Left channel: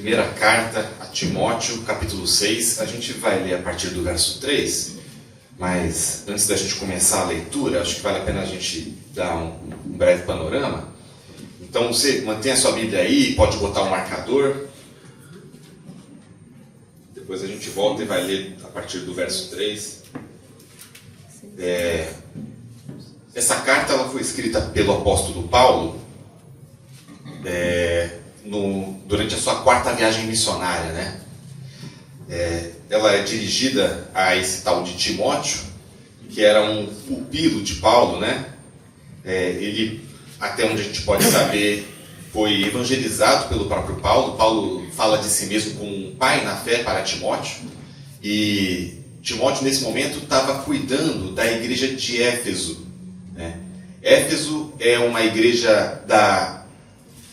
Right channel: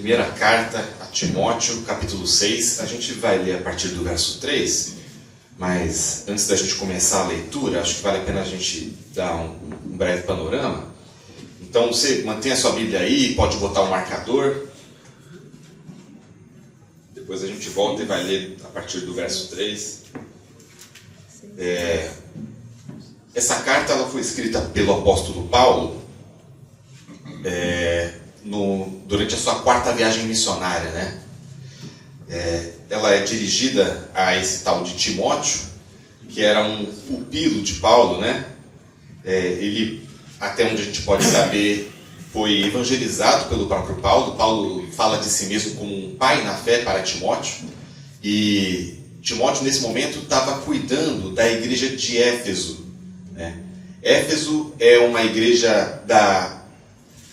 Primeira carta a Timóteo, capítulo 6, a gente vai ler a partir do verso 3, mas antes da gente começar a leitura, acho que vale a pena a gente dar um breve panorama. Então você mantém a sua Bíblia aí, pode botar o marcador, depois a gente volta e vai ler a partir do verso 3. Essa carta ela foi escrita pelo apóstolo Paulo durante a sua 4ª viagem missionária, né? Ela é dirigida a esse tal de Timóteo, que era um pupilo de Paulo, né? Ele, até onde a gente pode saber, foi evangelizado pelo próprio Paulo. Paulo fala de si mesmo como um pai na fé para Timóteo, e Timóteo nesse momento estava cuidando da igreja de Éfeso, né? Éfeso é uma igreja da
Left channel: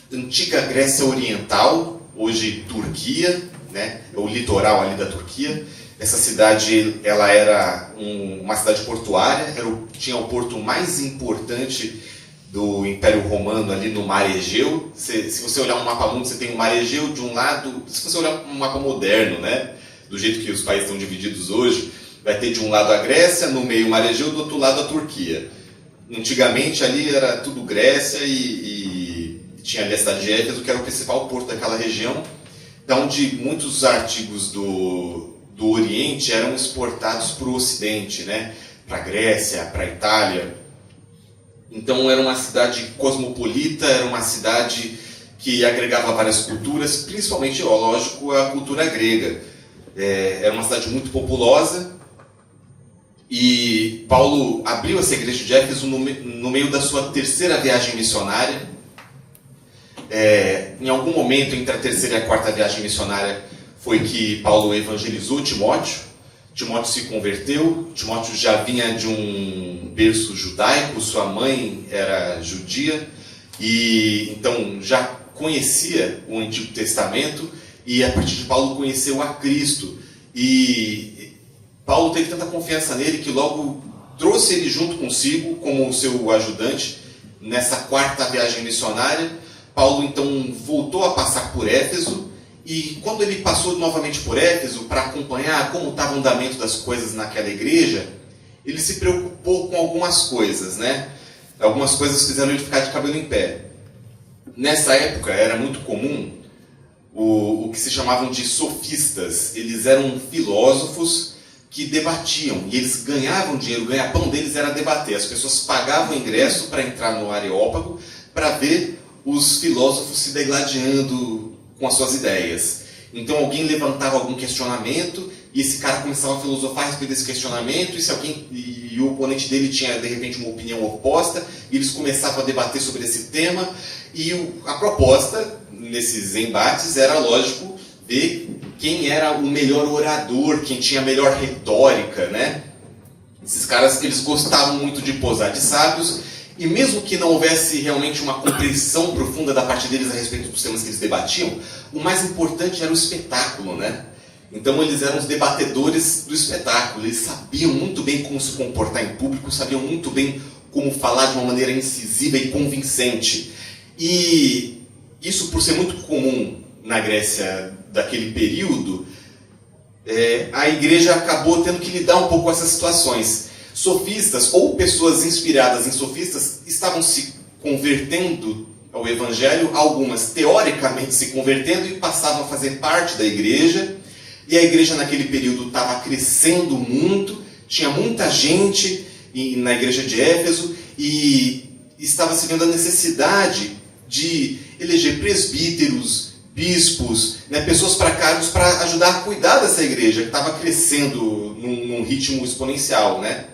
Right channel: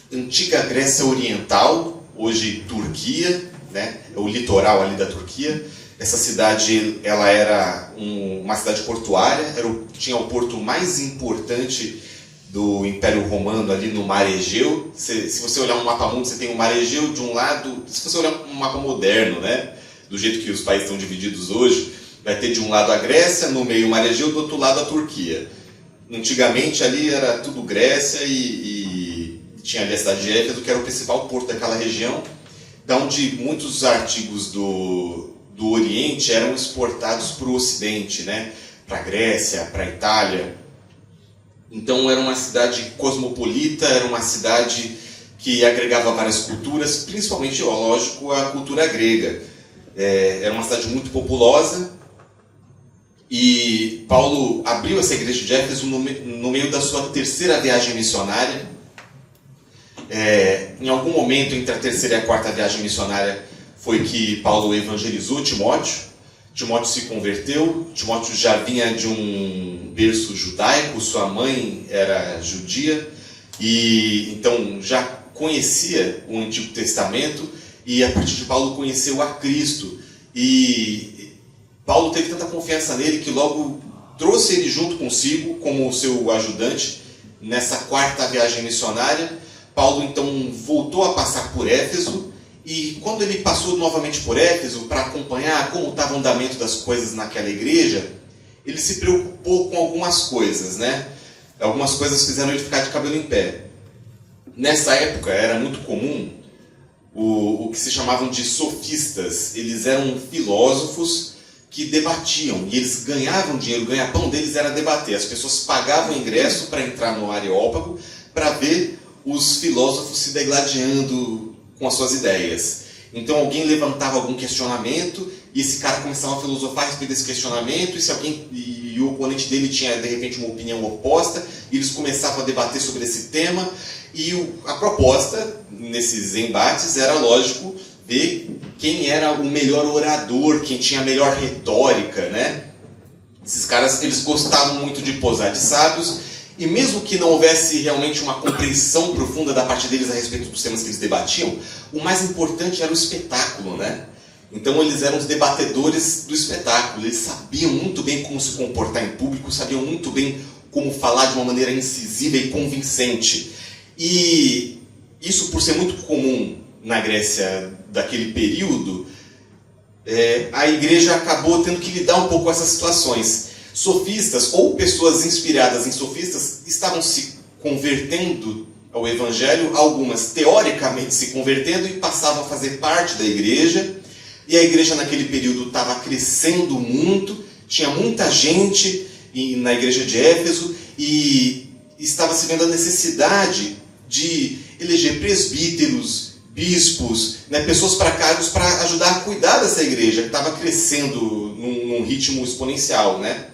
antiga Grécia Oriental, hoje Turquia, né? É o litoral ali da Turquia. Essa cidade ela era uma cidade portuária, tinha o porto mais importante do Império Romano ali no Mar Egeu. Se você olhar um mapa mundo, você tem o Mar Egeu de um lado. Se você olhar um mapa moderno, né, do jeito que os países estão divididos hoje, vai ter de um lado a Grécia, no meio o Mar Egeu, do outro lado a Turquia. Antigamente ali era tudo Grécia e tinha ali a cidade de Éfeso, que era o principal porto daquela região, onde muitos artigos do Oriente eram exportados para o Ocidente, né, para a Grécia, para a Itália. Então era uma cidade cosmopolita, era uma cidade que agregava várias culturas, principalmente, lógico, a cultura grega. Era uma cidade muito populosa, e Paulo abriu essa igreja de Éfeso no meio da sua 3ª viagem missionária. Em algum momento entre a 3ª e a 4ª viagem missionária foi que Paulo evangelizou Timóteo. Timóteo se converteu. Timóteo já vinha de um berço judaico, sua mãe era judia, e então já conhecia o Antigo Testamento, e a partir de Paulo conheceu a Cristo. E Paulo teve tanta confiança nele que logo trouxe ele junto consigo como seu ajudante nessa 4ª viagem missionária. Paulo então voltou a passar por Éfeso, e quando ele passou novamente por Éfeso para acompanhar como estava o andamento das coisas naquela igreja, ele se preocupou com algumas coisas, né? Algumas coisas fizeram ele ficar de cabelo em pé. Nessa época era muito comum o que se chamavam de sofistas. Eles eram filósofos que debatiam, e eles ganhavam dinheiro, o ganha-pão deles era debater. As pessoas pagavam ingresso para entrar no Areópago para ver os filósofos se degladiando com as suas ideias. Então alguém levantava algum questionamento e esse cara começava a filosofar a respeito desse questionamento, e o oponente dele tinha de repente uma opinião oposta, e eles começavam a debater sobre esse tema, e a proposta nesses embates era, lógico, ver quem era o melhor orador, quem tinha a melhor retórica, né? Esses caras, eles gostavam muito de posar de sábios, e mesmo que não houvesse realmente uma compreensão profunda da parte deles a respeito dos temas que eles debatiam, o mais importante era o espetáculo, né? Então eles eram os debatedores do espetáculo. Eles sabiam muito bem como se comportar em público, sabiam muito bem como falar de uma maneira incisiva e convincente. E isso, por ser muito comum na Grécia daquele período, a igreja acabou tendo que lidar um pouco com essas situações. Sofistas, ou pessoas inspiradas em sofistas, estavam se convertendo ao Evangelho, algumas teoricamente se convertendo e passavam a fazer parte da igreja. E a igreja naquele período estava crescendo muito, tinha muita gente na igreja de Éfeso, e estava se vendo a necessidade de eleger presbíteros, bispos, né, pessoas para cargos para ajudar a cuidar dessa igreja, que estava crescendo num ritmo exponencial, né?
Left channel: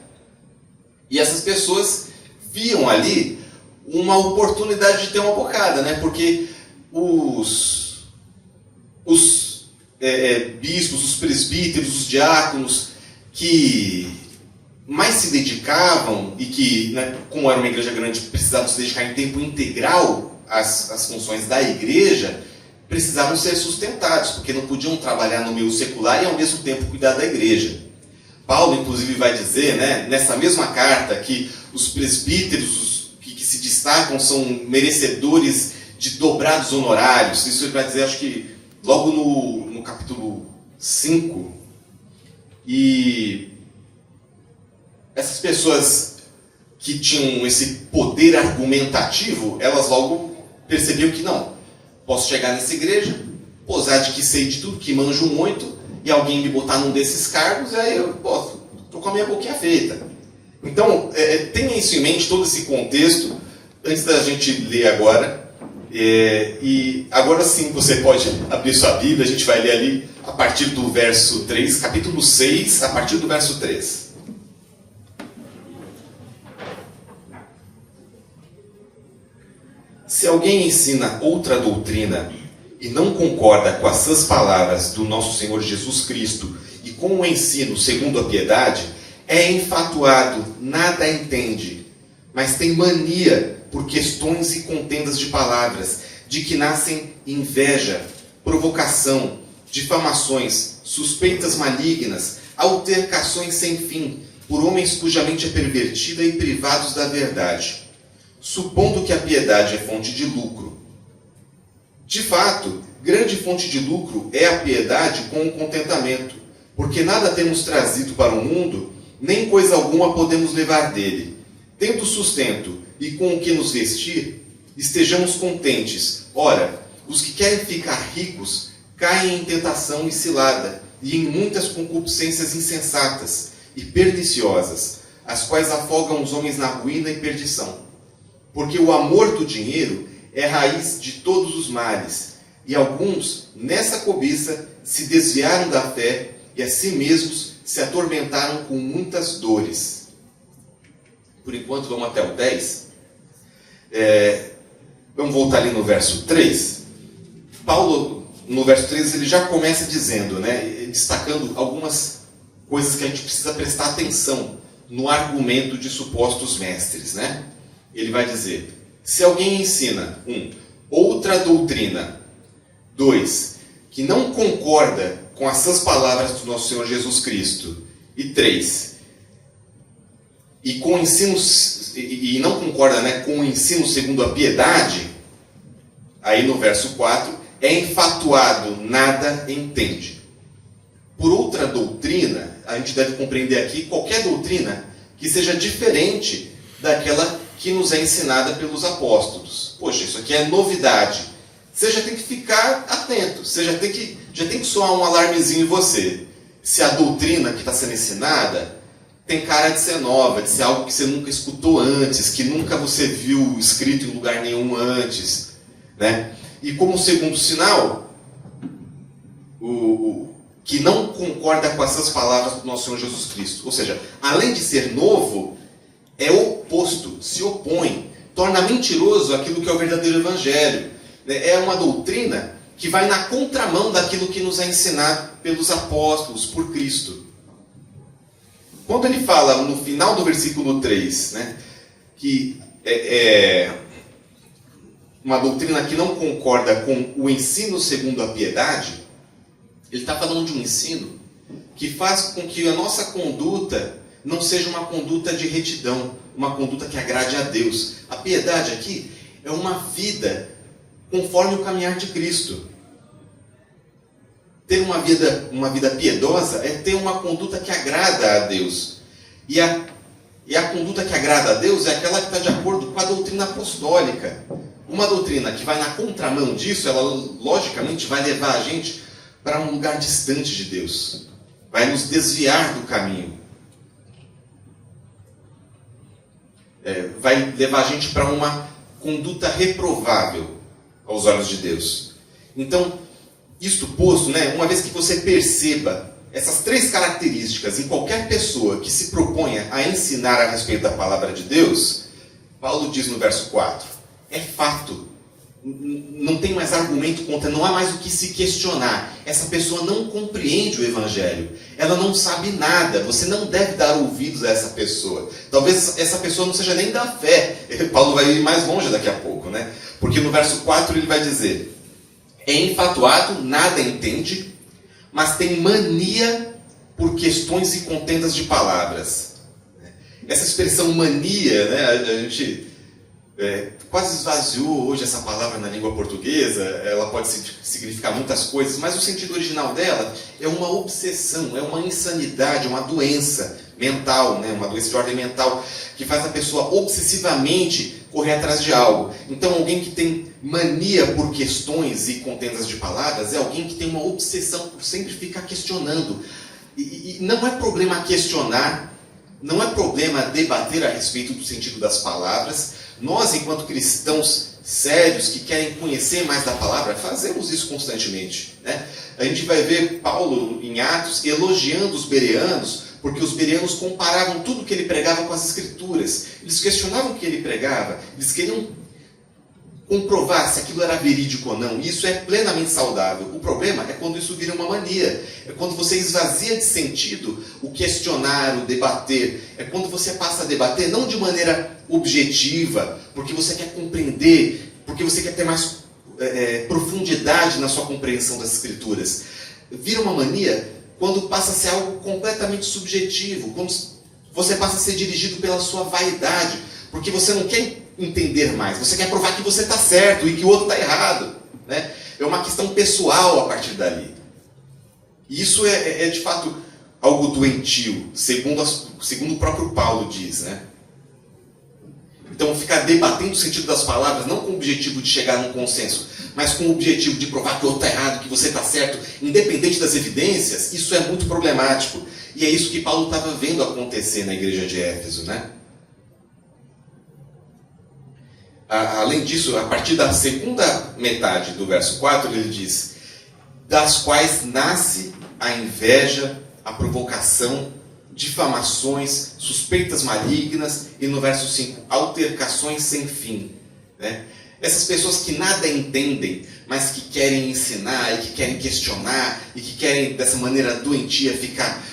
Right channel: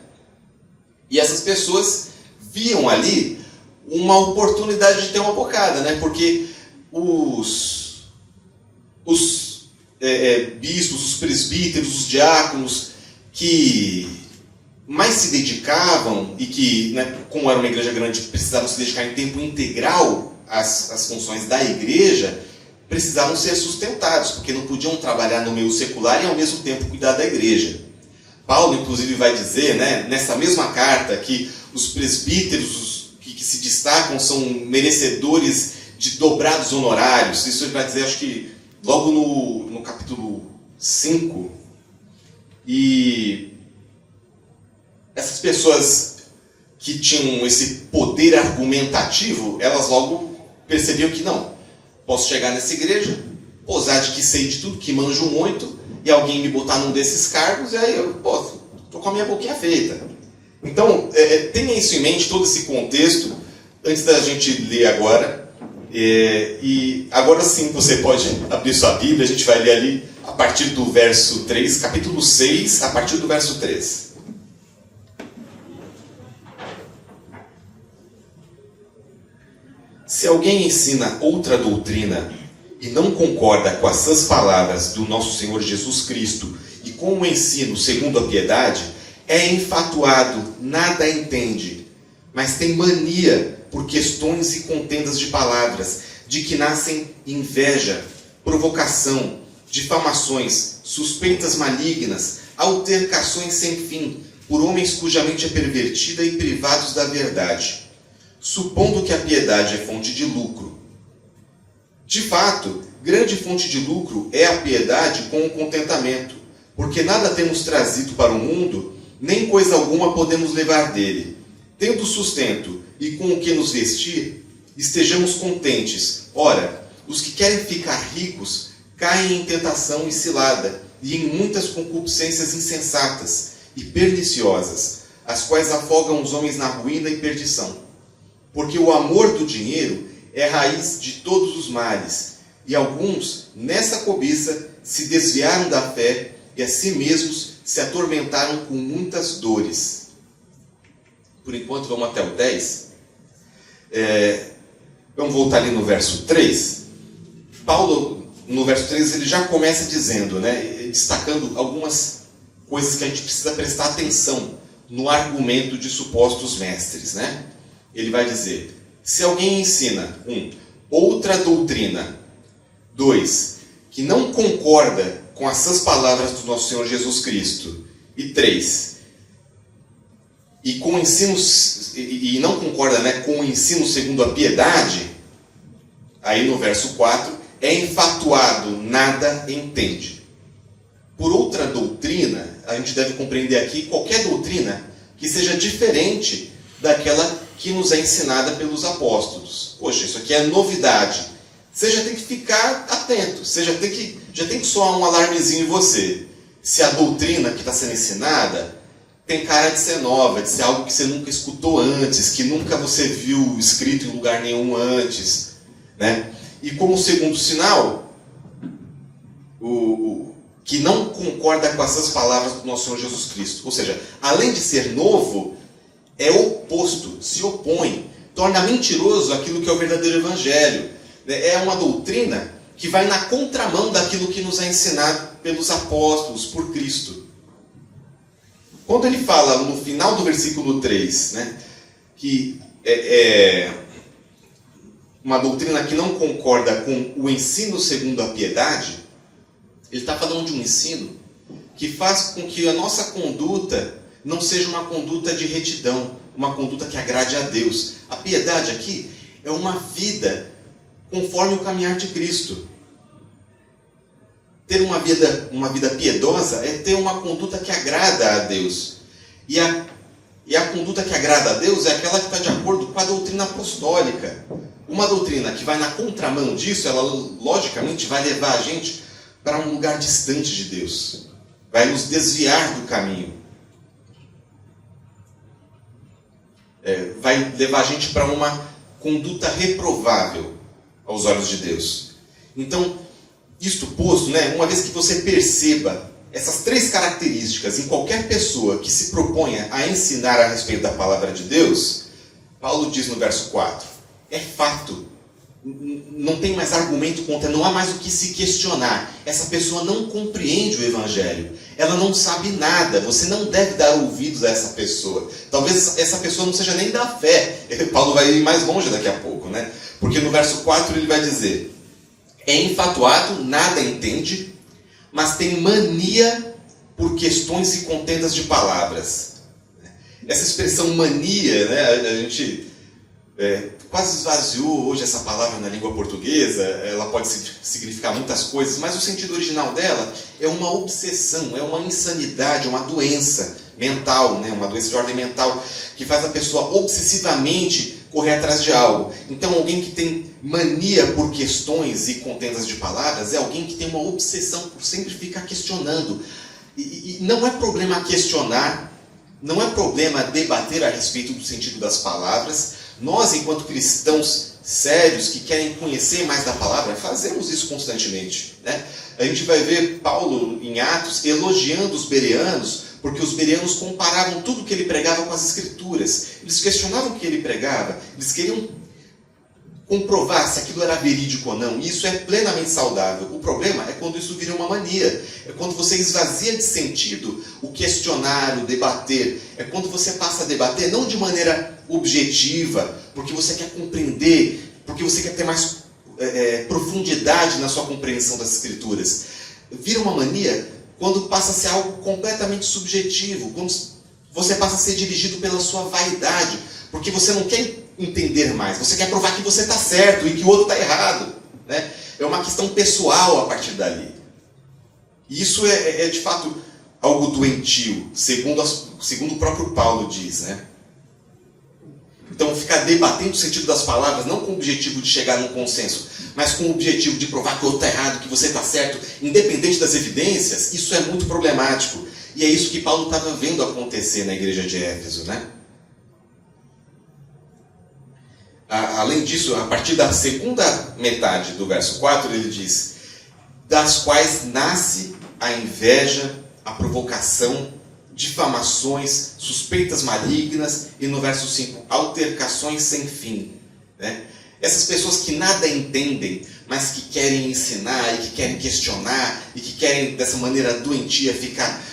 E essas pessoas viam ali uma oportunidade de ter uma bocada, né? Porque os bispos, os presbíteros, os diáconos que mais se dedicavam e que, né, como era uma igreja grande, precisavam se dedicar em tempo integral às funções da igreja, precisavam ser sustentados, porque não podiam trabalhar no meio secular e ao mesmo tempo cuidar da igreja. Paulo, inclusive, vai dizer, né, nessa mesma carta, que os presbíteros que se destacam são merecedores de dobrados honorários. Isso vai dizer, acho que logo no capítulo 5, e essas pessoas que tinham esse poder argumentativo, elas logo percebiam que não, posso chegar nessa igreja, posar de que sei de tudo, que manjo muito, e alguém me botar num desses cargos, e aí eu posso, estou com a minha boquinha feita. Então, tenha isso em mente, todo esse contexto, antes da gente ler agora. E agora sim você pode abrir sua Bíblia, a gente vai ler ali a partir do verso 3, capítulo 6, a partir do verso 3. Se alguém ensina outra doutrina e não concorda com as sãs palavras do nosso Senhor Jesus Cristo e com o ensino segundo a piedade, é enfatuado, nada entende, mas tem mania por questões e contendas de palavras, de que nascem inveja, provocação, difamações, suspeitas malignas, altercações sem fim, por homens cuja mente é pervertida e privados da verdade, supondo que a piedade é fonte de lucro. De fato, grande fonte de lucro é a piedade com o contentamento, porque nada temos trazido para o mundo, nem coisa alguma podemos levar dele. Tendo sustento e com o que nos vestir, estejamos contentes. Ora, os que querem ficar ricos caem em tentação e cilada, e em muitas concupiscências insensatas e perniciosas, as quais afogam os homens na ruína e perdição. Porque o amor do dinheiro é raiz de todos os males, e alguns, nessa cobiça, se desviaram da fé e a si mesmos se atormentaram com muitas dores. Por enquanto, vamos até o 10. Vamos voltar ali no verso 3. Paulo, no verso 3, ele já começa dizendo, destacando algumas coisas que a gente precisa prestar atenção no argumento de supostos mestres. Ele vai dizer, se alguém ensina, 1, outra doutrina, 2, que não concorda com as sãs palavras do nosso Senhor Jesus Cristo, e 3, e com ensinos, e não concorda com o ensino segundo a piedade, aí no verso 4, é enfatuado, nada entende. Por outra doutrina, a gente deve compreender aqui qualquer doutrina que seja diferente daquela que nos é ensinada pelos apóstolos. Poxa, isso aqui é novidade. Você já tem que ficar atento, você já tem que soar um alarmezinho em você. Se a doutrina que está sendo ensinada tem cara de ser nova, de ser algo que você nunca escutou antes, que nunca você viu escrito em lugar nenhum antes. E como segundo sinal, o que não concorda com essas palavras do nosso Senhor Jesus Cristo. Ou seja, além de ser novo, é oposto, se opõe, torna mentiroso aquilo que é o verdadeiro evangelho. É uma doutrina que vai na contramão daquilo que nos é ensinado pelos apóstolos, por Cristo. Quando ele fala no final do versículo 3, que é uma doutrina que não concorda com o ensino segundo a piedade, ele está falando de um ensino que faz com que a nossa conduta não seja uma conduta de retidão, uma conduta que agrade a Deus. A piedade aqui é uma vida conforme o caminhar de Cristo. Ter uma vida piedosa é ter uma conduta que agrada a Deus. E a conduta que agrada a Deus é aquela que está de acordo com a doutrina apostólica. Uma doutrina que vai na contramão disso, ela logicamente vai levar a gente para um lugar distante de Deus. Vai nos desviar do caminho. Vai levar a gente para uma conduta reprovável aos olhos de Deus. Então, isto posto, uma vez que você perceba essas 3 características em qualquer pessoa que se proponha a ensinar a respeito da palavra de Deus, Paulo diz no verso 4, é fato, não tem mais argumento contra, não há mais o que se questionar. Essa pessoa não compreende o evangelho, ela não sabe nada, você não deve dar ouvidos a essa pessoa. Talvez essa pessoa não seja nem da fé. Paulo vai ir mais longe daqui a pouco, porque no verso 4 ele vai dizer, é enfatuado, nada entende, mas tem mania por questões e contendas de palavras. Essa expressão mania, a gente quase esvaziou hoje essa palavra na língua portuguesa. Ela pode significar muitas coisas, mas o sentido original dela é uma obsessão, é uma insanidade, uma doença mental, né? Uma doença de ordem mental que faz a pessoa obsessivamente correr atrás de algo. Então, alguém que tem mania por questões e contendas de palavras é alguém que tem uma obsessão por sempre ficar questionando. E não é problema questionar, não é problema debater a respeito do sentido das palavras. Nós, enquanto cristãos sérios que querem conhecer mais da palavra, fazemos isso constantemente, né? A gente vai ver Paulo em Atos elogiando os bereanos, porque os bereanos comparavam tudo o que ele pregava com as Escrituras. Eles questionavam o que ele pregava, eles queriam comprovar se aquilo era verídico ou não. E isso é plenamente saudável. O problema é quando isso vira uma mania. É quando você esvazia de sentido o questionar, o debater. É quando você passa a debater não de maneira objetiva, porque você quer compreender, porque você quer ter mais profundidade na sua compreensão das Escrituras. Vira uma mania quando passa a ser algo completamente subjetivo, quando você passa a ser dirigido pela sua vaidade, porque você não quer entender mais, você quer provar que você está certo e que o outro está errado, né? É uma questão pessoal a partir dali. E isso é de fato algo doentio, segundo o próprio Paulo diz, né? Então, ficar debatendo o sentido das palavras, não com o objetivo de chegar num consenso, mas com o objetivo de provar que o outro está errado, que você está certo, independente das evidências, isso é muito problemático. E é isso que Paulo estava vendo acontecer na igreja de Éfeso, né? Além disso, a partir da segunda metade do verso 4, ele diz: das quais nasce a inveja, a provocação, difamações, suspeitas malignas, e no verso 5, altercações sem fim, né? Essas pessoas que nada entendem, mas que querem ensinar, e que querem questionar, e que querem, dessa maneira doentia, ficar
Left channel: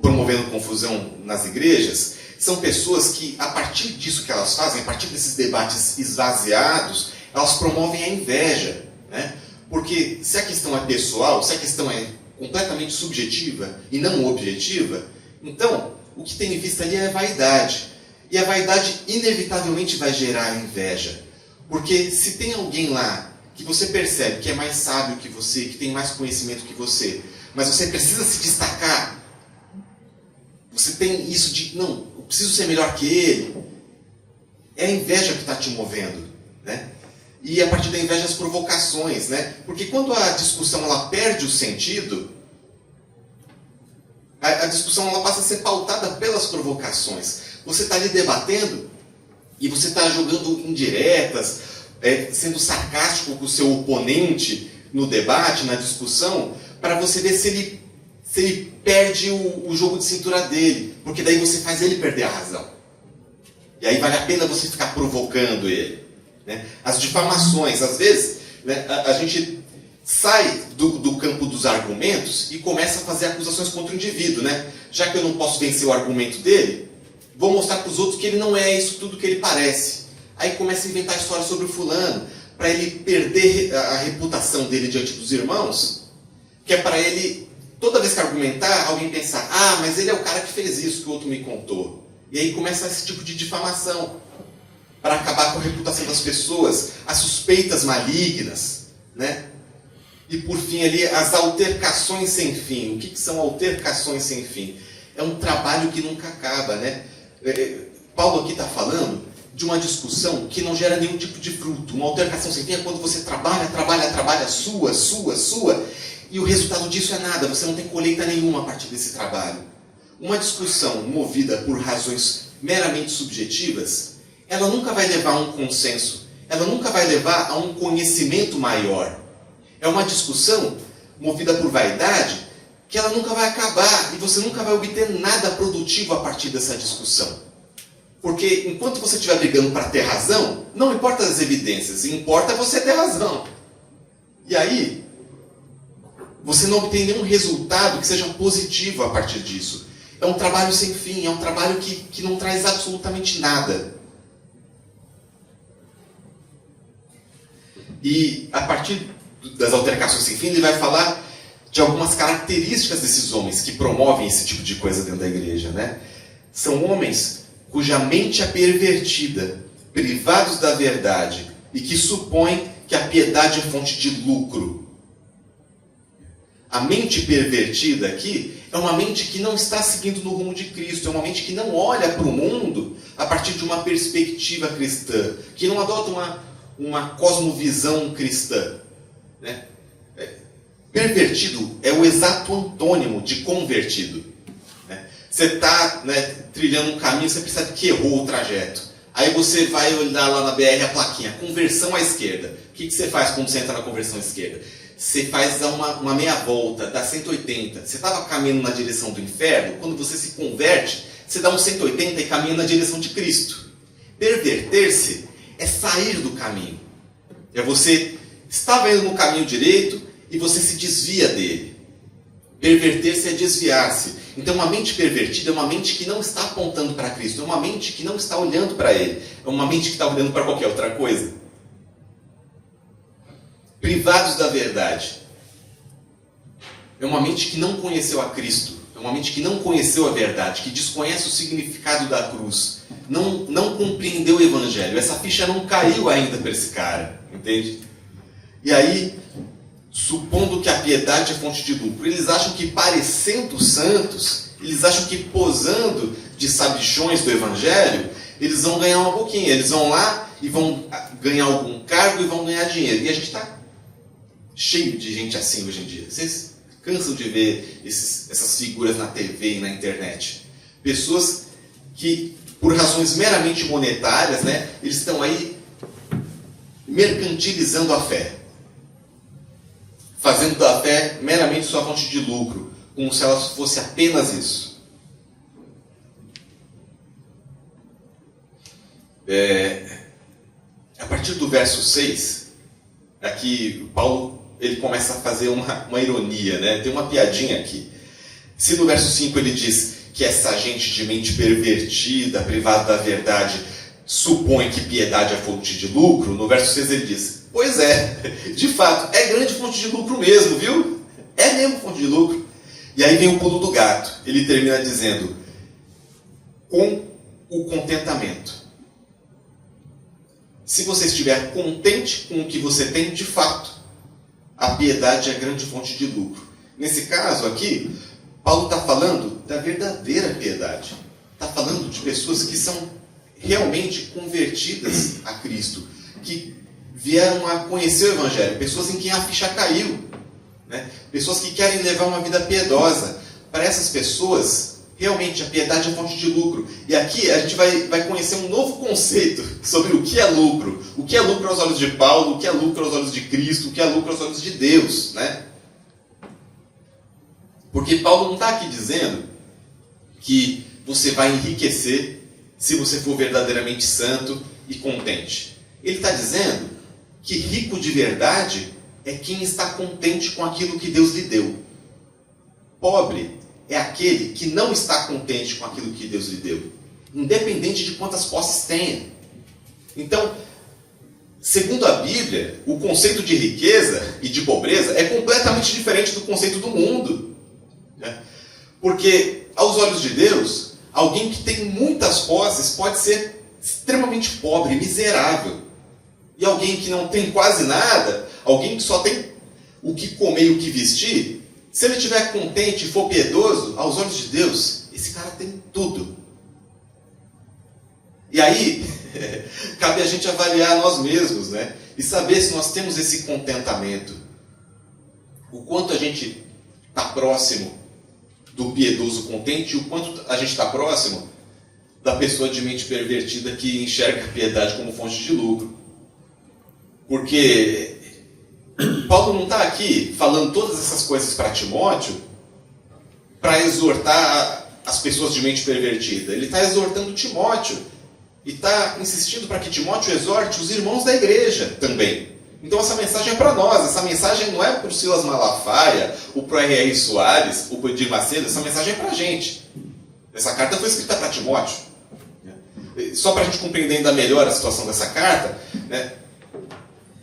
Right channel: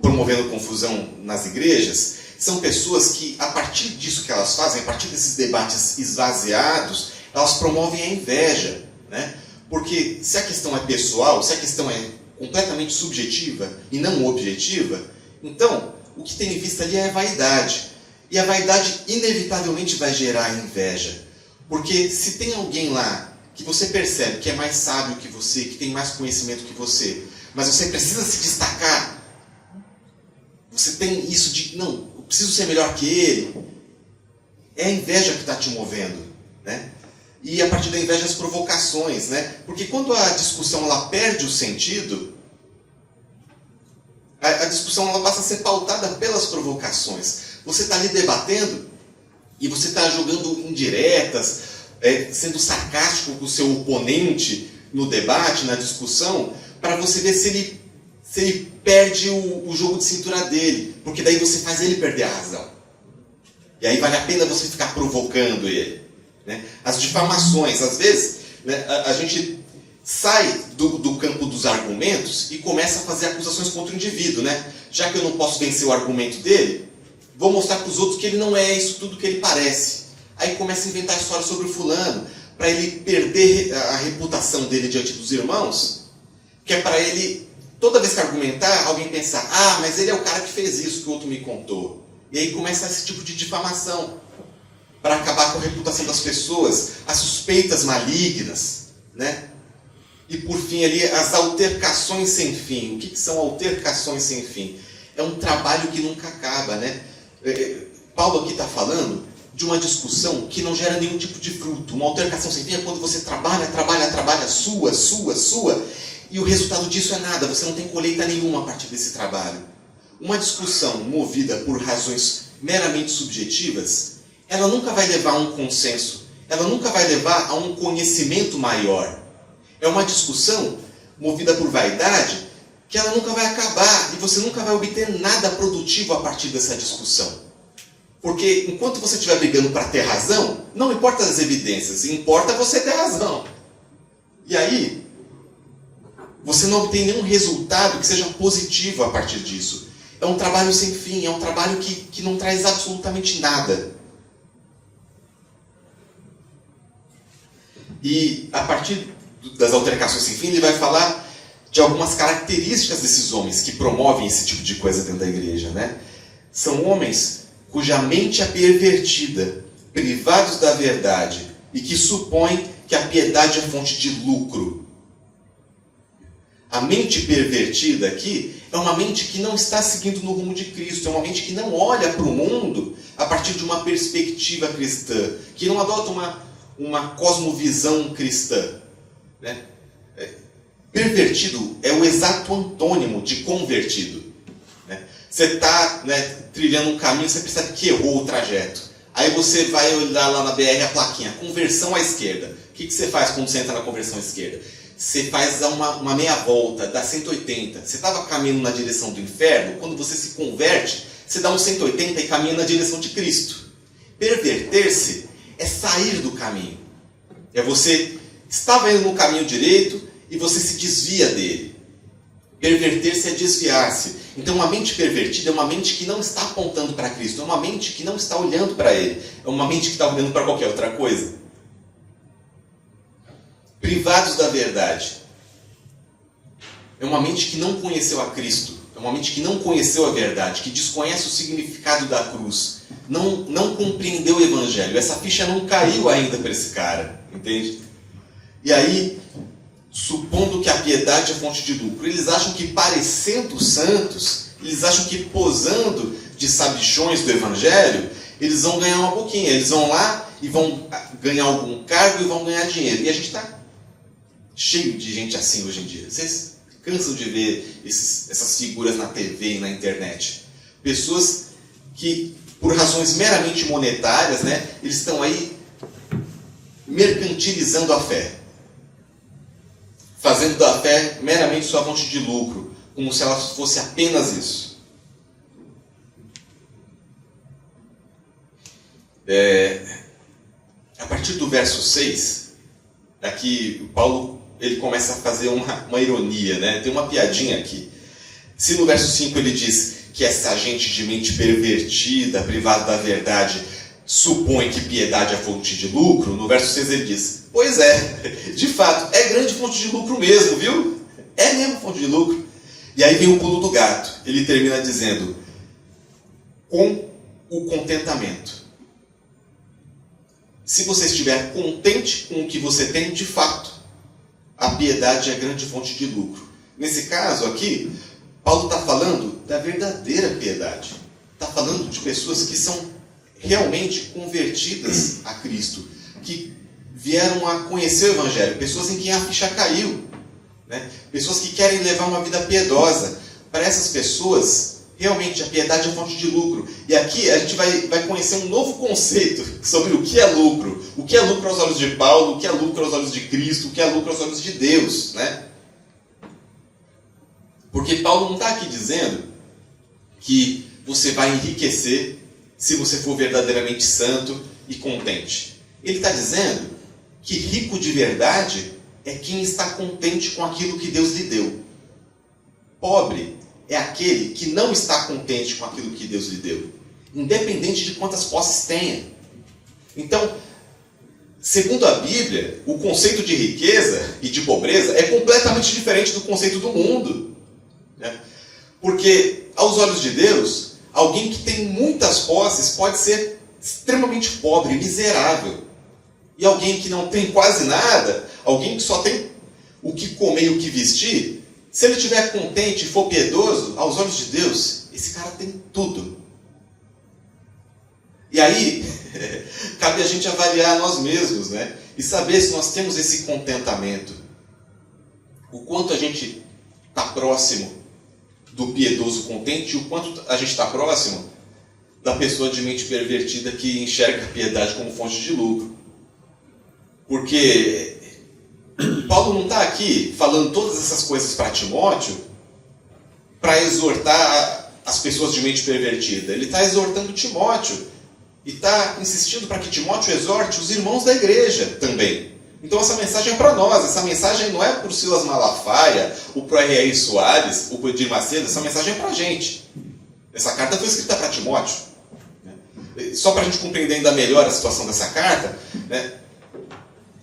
promovendo confusão nas igrejas, são pessoas que, a partir disso que elas fazem, a partir desses debates esvaziados, elas promovem a inveja, né? Porque se a questão é pessoal, se a questão é completamente subjetiva e não objetiva, então o que tem em vista ali é a vaidade. E a vaidade inevitavelmente vai gerar inveja. Porque se tem alguém lá que você percebe que é mais sábio que você, que tem mais conhecimento que você, mas você precisa se destacar, você tem isso de, não, eu preciso ser melhor que ele, é a inveja que está te movendo, né? E a partir da inveja as provocações, né? Porque quando a discussão ela perde o sentido, a discussão ela passa a ser pautada pelas provocações. Você está ali debatendo e você está jogando indiretas, sendo sarcástico com o seu oponente no debate, na discussão, para você ver se ele perde o jogo de cintura dele, porque daí você faz ele perder a razão. E aí vale a pena você ficar provocando ele, né? As difamações, às vezes, né, a gente sai do campo dos argumentos e começa a fazer acusações contra o indivíduo, né? Já que eu não posso vencer o argumento dele, vou mostrar para os outros que ele não é isso tudo que ele parece. Aí começa a inventar histórias sobre o fulano, para ele perder a reputação dele diante dos irmãos, que é para ele, toda vez que argumentar, alguém pensar: ah, mas ele é o cara que fez isso que o outro me contou. E aí começa esse tipo de difamação, para acabar com a reputação das pessoas, as suspeitas malignas, né? E por fim ali, as altercações sem fim. O que são altercações sem fim? É um trabalho que nunca acaba, né? Paulo aqui está falando de uma discussão que não gera nenhum tipo de fruto. Uma altercação sem fim é quando você trabalha, sua, e o resultado disso é nada, você não tem colheita nenhuma a partir desse trabalho. Uma discussão movida por razões meramente subjetivas, ela nunca vai levar a um consenso, ela nunca vai levar a um conhecimento maior. É uma discussão movida por vaidade que ela nunca vai acabar e você nunca vai obter nada produtivo a partir dessa discussão. Porque enquanto você estiver brigando para ter razão, não importa as evidências, importa você ter razão. E aí, você não obtém nenhum resultado que seja positivo a partir disso. É um trabalho sem fim, é um trabalho que não traz absolutamente nada. E a partir das altercações sem fim, ele vai falar de algumas características desses homens que promovem esse tipo de coisa dentro da igreja, né? São homens cuja mente é pervertida, privados da verdade e que supõem que a piedade é fonte de lucro. A mente pervertida aqui é uma mente que não está seguindo no rumo de Cristo, é uma mente que não olha para o mundo a partir de uma perspectiva cristã, que não adota uma cosmovisão cristã. Né? Pervertido é o exato antônimo de convertido. Né? Você está, né, trilhando um caminho, você percebe que errou o trajeto. Aí você vai olhar lá na BR a plaquinha, conversão à esquerda. O que você faz quando você entra na conversão à esquerda? Você faz uma meia volta, dá 180. Você estava caminhando na direção do inferno, quando você se converte, você dá um 180 e caminha na direção de Cristo. Perverter-se é sair do caminho. É você estava indo no caminho direito e você se desvia dele. Perverter-se é desviar-se. Então, uma mente pervertida é uma mente que não está apontando para Cristo, é uma mente que não está olhando para Ele, é uma mente que está olhando para qualquer outra coisa. Privados da verdade. É uma mente que não conheceu a Cristo, é uma mente que não conheceu a verdade, que desconhece o significado da cruz, não compreendeu o Evangelho. Essa ficha não caiu ainda para esse cara, entende? E aí, supondo que a piedade é fonte de lucro, eles acham que parecendo santos, eles acham que posando de sabichões do Evangelho, eles vão ganhar uma boquinha. Eles vão lá e vão ganhar algum cargo e vão ganhar dinheiro. E a gente está cheio de gente assim hoje em dia. Vocês cansam de ver essas figuras na TV e na internet. Pessoas que, por razões meramente monetárias, né, eles estão aí mercantilizando a fé. Fazendo da fé meramente sua fonte de lucro, como se ela fosse apenas isso. A partir do verso 6, aqui Paulo ele começa a fazer uma ironia, né? Tem uma piadinha aqui. Se no verso 5 ele diz que essa gente de mente pervertida, privada da verdade, supõe que piedade é fonte de lucro, no verso 6 ele diz: pois é, de fato, é grande fonte de lucro mesmo, viu? É mesmo fonte de lucro. E aí vem o pulo do gato. Ele termina dizendo: com o contentamento. Se você estiver contente com o que você tem, de fato, a piedade é grande fonte de lucro. Nesse caso aqui, Paulo está falando da verdadeira piedade. Está falando de pessoas que são realmente convertidas a Cristo, que vieram a conhecer o Evangelho, pessoas em quem a ficha caiu, né? Pessoas que querem levar uma vida piedosa. Para essas pessoas, realmente a piedade é fonte de lucro. E aqui a gente vai conhecer um novo conceito sobre o que é lucro. O que é lucro aos olhos de Paulo, o que é lucro aos olhos de Cristo, o que é lucro aos olhos de Deus, né? Porque Paulo não está aqui dizendo que você vai enriquecer se você for verdadeiramente santo e contente. Ele está dizendo que rico de verdade é quem está contente com aquilo que Deus lhe deu. Pobre é aquele que não está contente com aquilo que Deus lhe deu, independente de quantas posses tenha. Então, segundo a Bíblia, o conceito de riqueza e de pobreza é completamente diferente do conceito do mundo, né? Porque, aos olhos de Deus, alguém que tem muitas posses pode ser extremamente pobre, miserável. E alguém que não tem quase nada, alguém que só tem o que comer e o que vestir, se ele estiver contente e for piedoso, aos olhos de Deus, esse cara tem tudo. E aí, cabe a gente avaliar nós mesmos, né? E saber se nós temos esse contentamento. O quanto a gente está próximo do piedoso contente e o quanto a gente está próximo da pessoa de mente pervertida que enxerga a piedade como fonte de lucro. Porque Paulo não está aqui falando todas essas coisas para Timóteo para exortar as pessoas de mente pervertida. Ele está exortando Timóteo e está insistindo para que Timóteo exorte os irmãos da igreja também. Então essa mensagem é para nós, essa mensagem não é para o Silas Malafaia, ou para o R.R. Soares, ou para o Edir Macedo, essa mensagem é para a gente. Essa carta foi escrita para Timóteo. Só para a gente compreender ainda melhor a situação dessa carta, né?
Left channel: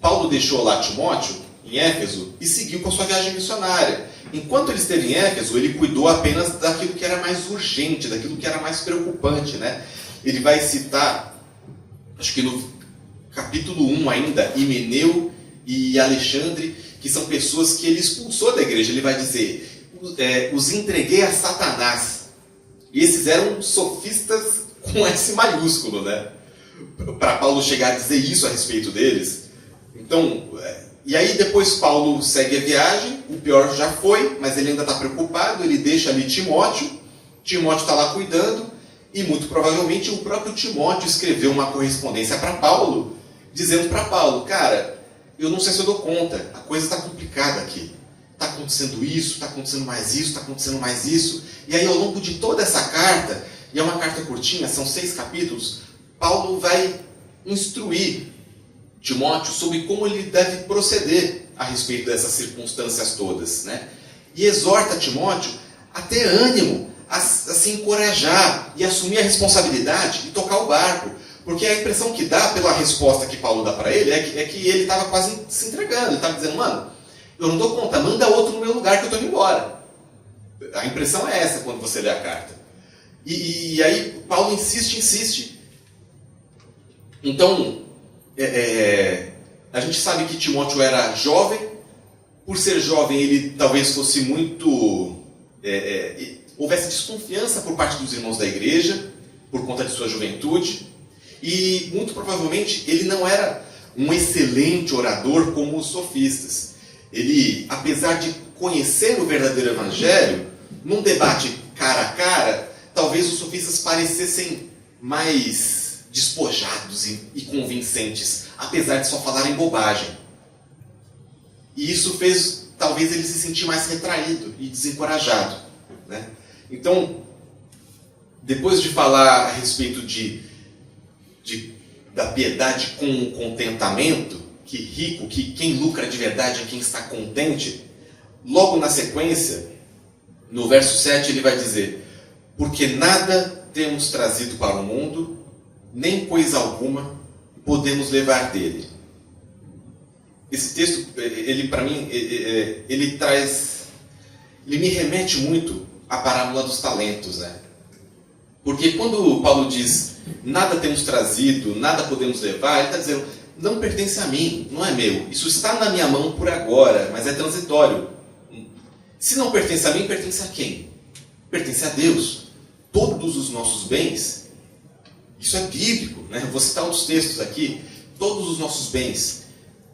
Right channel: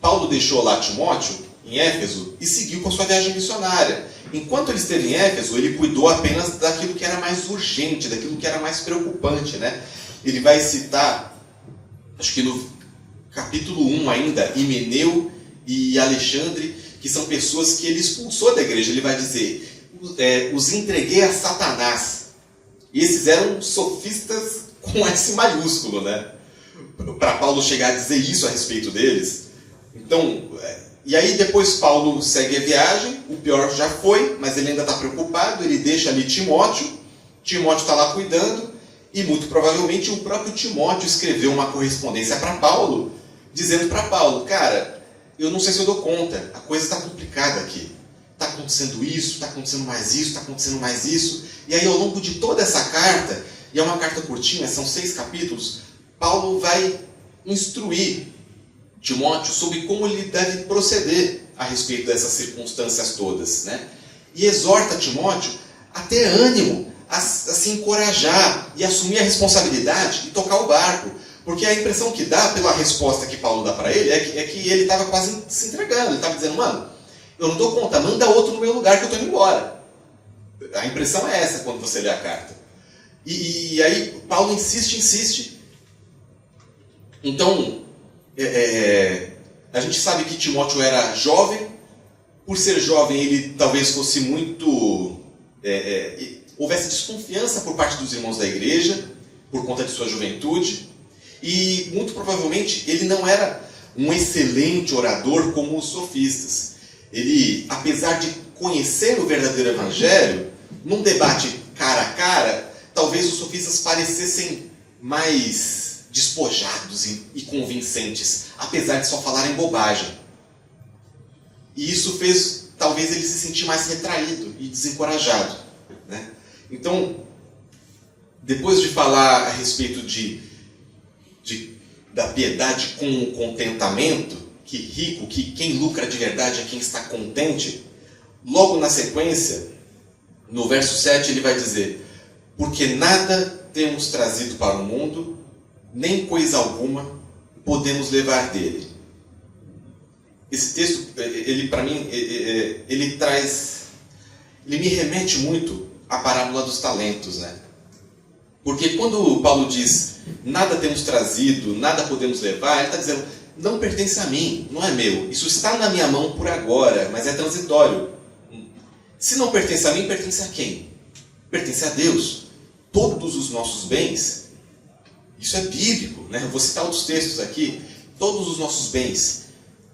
Paulo deixou lá Timóteo, em Éfeso, e seguiu com sua viagem missionária. Enquanto ele esteve em Éfeso, ele cuidou apenas daquilo que era mais urgente, daquilo que era mais preocupante, né? Ele vai citar acho que no capítulo 1 ainda, Himeneu e Alexandre, que são pessoas que ele expulsou da igreja. Ele vai dizer, os entreguei a Satanás. E esses eram sofistas com S maiúsculo, né? Para Paulo chegar a dizer isso a respeito deles. Então, e aí depois Paulo segue a viagem, o pior já foi, mas ele ainda está preocupado, ele deixa ali Timóteo está lá cuidando, e muito provavelmente o próprio Timóteo escreveu uma correspondência para Paulo, dizendo para Paulo, cara, eu não sei se eu dou conta, a coisa está complicada aqui. Está acontecendo isso, está acontecendo mais isso, está acontecendo mais isso. E aí ao longo de toda essa carta, e é uma carta curtinha, são 6 capítulos, Paulo vai instruir Timóteo sobre como ele deve proceder a respeito dessas circunstâncias todas, né? E exorta Timóteo a ter ânimo, a se encorajar e assumir a responsabilidade e tocar o barco. Porque a impressão que dá pela resposta que Paulo dá para ele é que ele estava quase se entregando. Ele estava dizendo, mano, eu não dou conta, manda outro no meu lugar que eu estou indo embora. A impressão é essa quando você lê a carta. E aí Paulo insiste. Então, a gente sabe que Timóteo era jovem. Por ser jovem, ele talvez fosse muito... houvesse desconfiança por parte dos irmãos da igreja, por conta de sua juventude. E, muito provavelmente, ele não era um excelente orador como os sofistas. Ele, apesar de conhecer o verdadeiro evangelho, num debate cara a cara, talvez os sofistas parecessem mais despojados e convincentes, apesar de só falarem bobagem. E isso fez, talvez, ele se sentir mais retraído e desencorajado, né? Então, depois de falar a respeito da piedade com o contentamento, que rico, que quem lucra de verdade é quem está contente, logo na sequência, no verso 7, ele vai dizer, porque nada temos trazido para o mundo, nem coisa alguma podemos levar dele. Esse texto, ele para mim, ele me remete muito à parábola dos talentos, né? Porque quando Paulo diz, nada temos trazido, nada podemos levar, ele está dizendo, não pertence a mim, não é meu. Isso está na minha mão por agora, mas é transitório. Se não pertence a mim, pertence a quem? Pertence a Deus. Todos os nossos bens, isso é bíblico, né? Eu vou citar outros textos aqui. Todos os nossos bens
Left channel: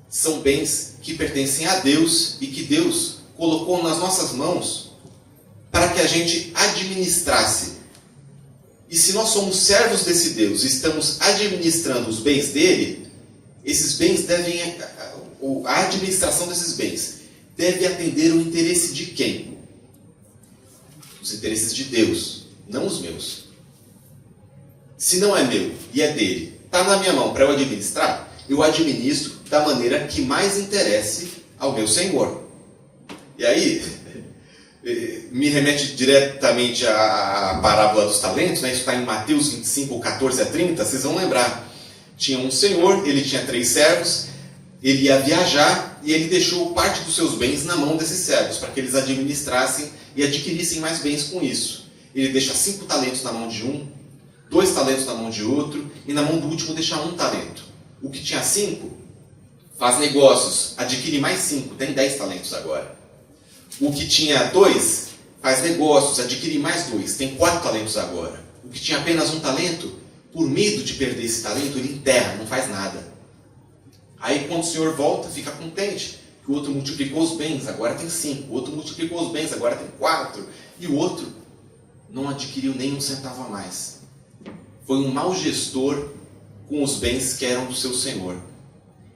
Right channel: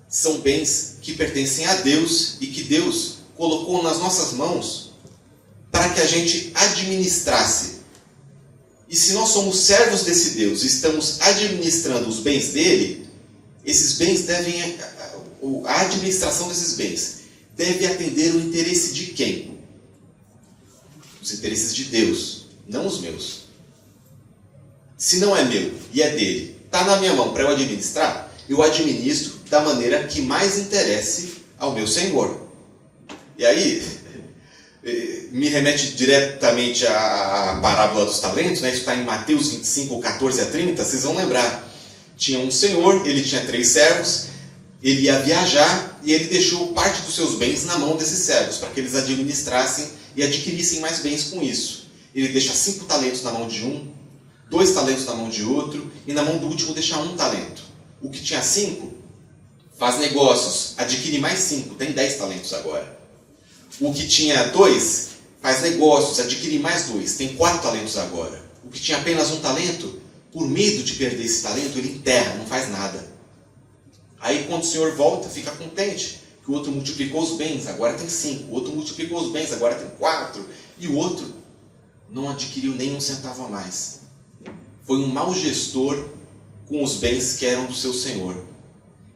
são bens que pertencem a Deus e que Deus colocou nas nossas mãos para que a gente administrasse. E se nós somos servos desse Deus e estamos administrando os bens dele, esses bens devem, a administração desses bens deve atender o interesse de quem? Os interesses de Deus, não os meus. Se não é meu e é dele, está na minha mão para eu administrar, eu administro da maneira que mais interesse ao meu Senhor. E aí, me remete diretamente à parábola dos talentos, né? Isso está em Mateus 25, 14 a 30, vocês vão lembrar. Tinha um senhor, ele tinha 3 servos, ele ia viajar e ele deixou parte dos seus bens na mão desses servos, para que eles administrassem e adquirissem mais bens com isso. Ele deixa 5 talentos na mão de um, 2 talentos na mão de outro, e na mão do último deixa 1 talento. O que tinha 5, faz negócios, adquire mais 5, tem 10 talentos agora. O que tinha 2, faz negócios, adquire mais 2, tem 4 talentos agora. O que tinha apenas 1 talento, por medo de perder esse talento, ele enterra, não faz nada. Aí quando o senhor volta, fica contente, que o outro multiplicou os bens, agora tem 5. O outro multiplicou os bens, agora tem 4. E o outro não adquiriu nem 1 centavo a mais. Foi um mau gestor com os bens que eram do seu senhor.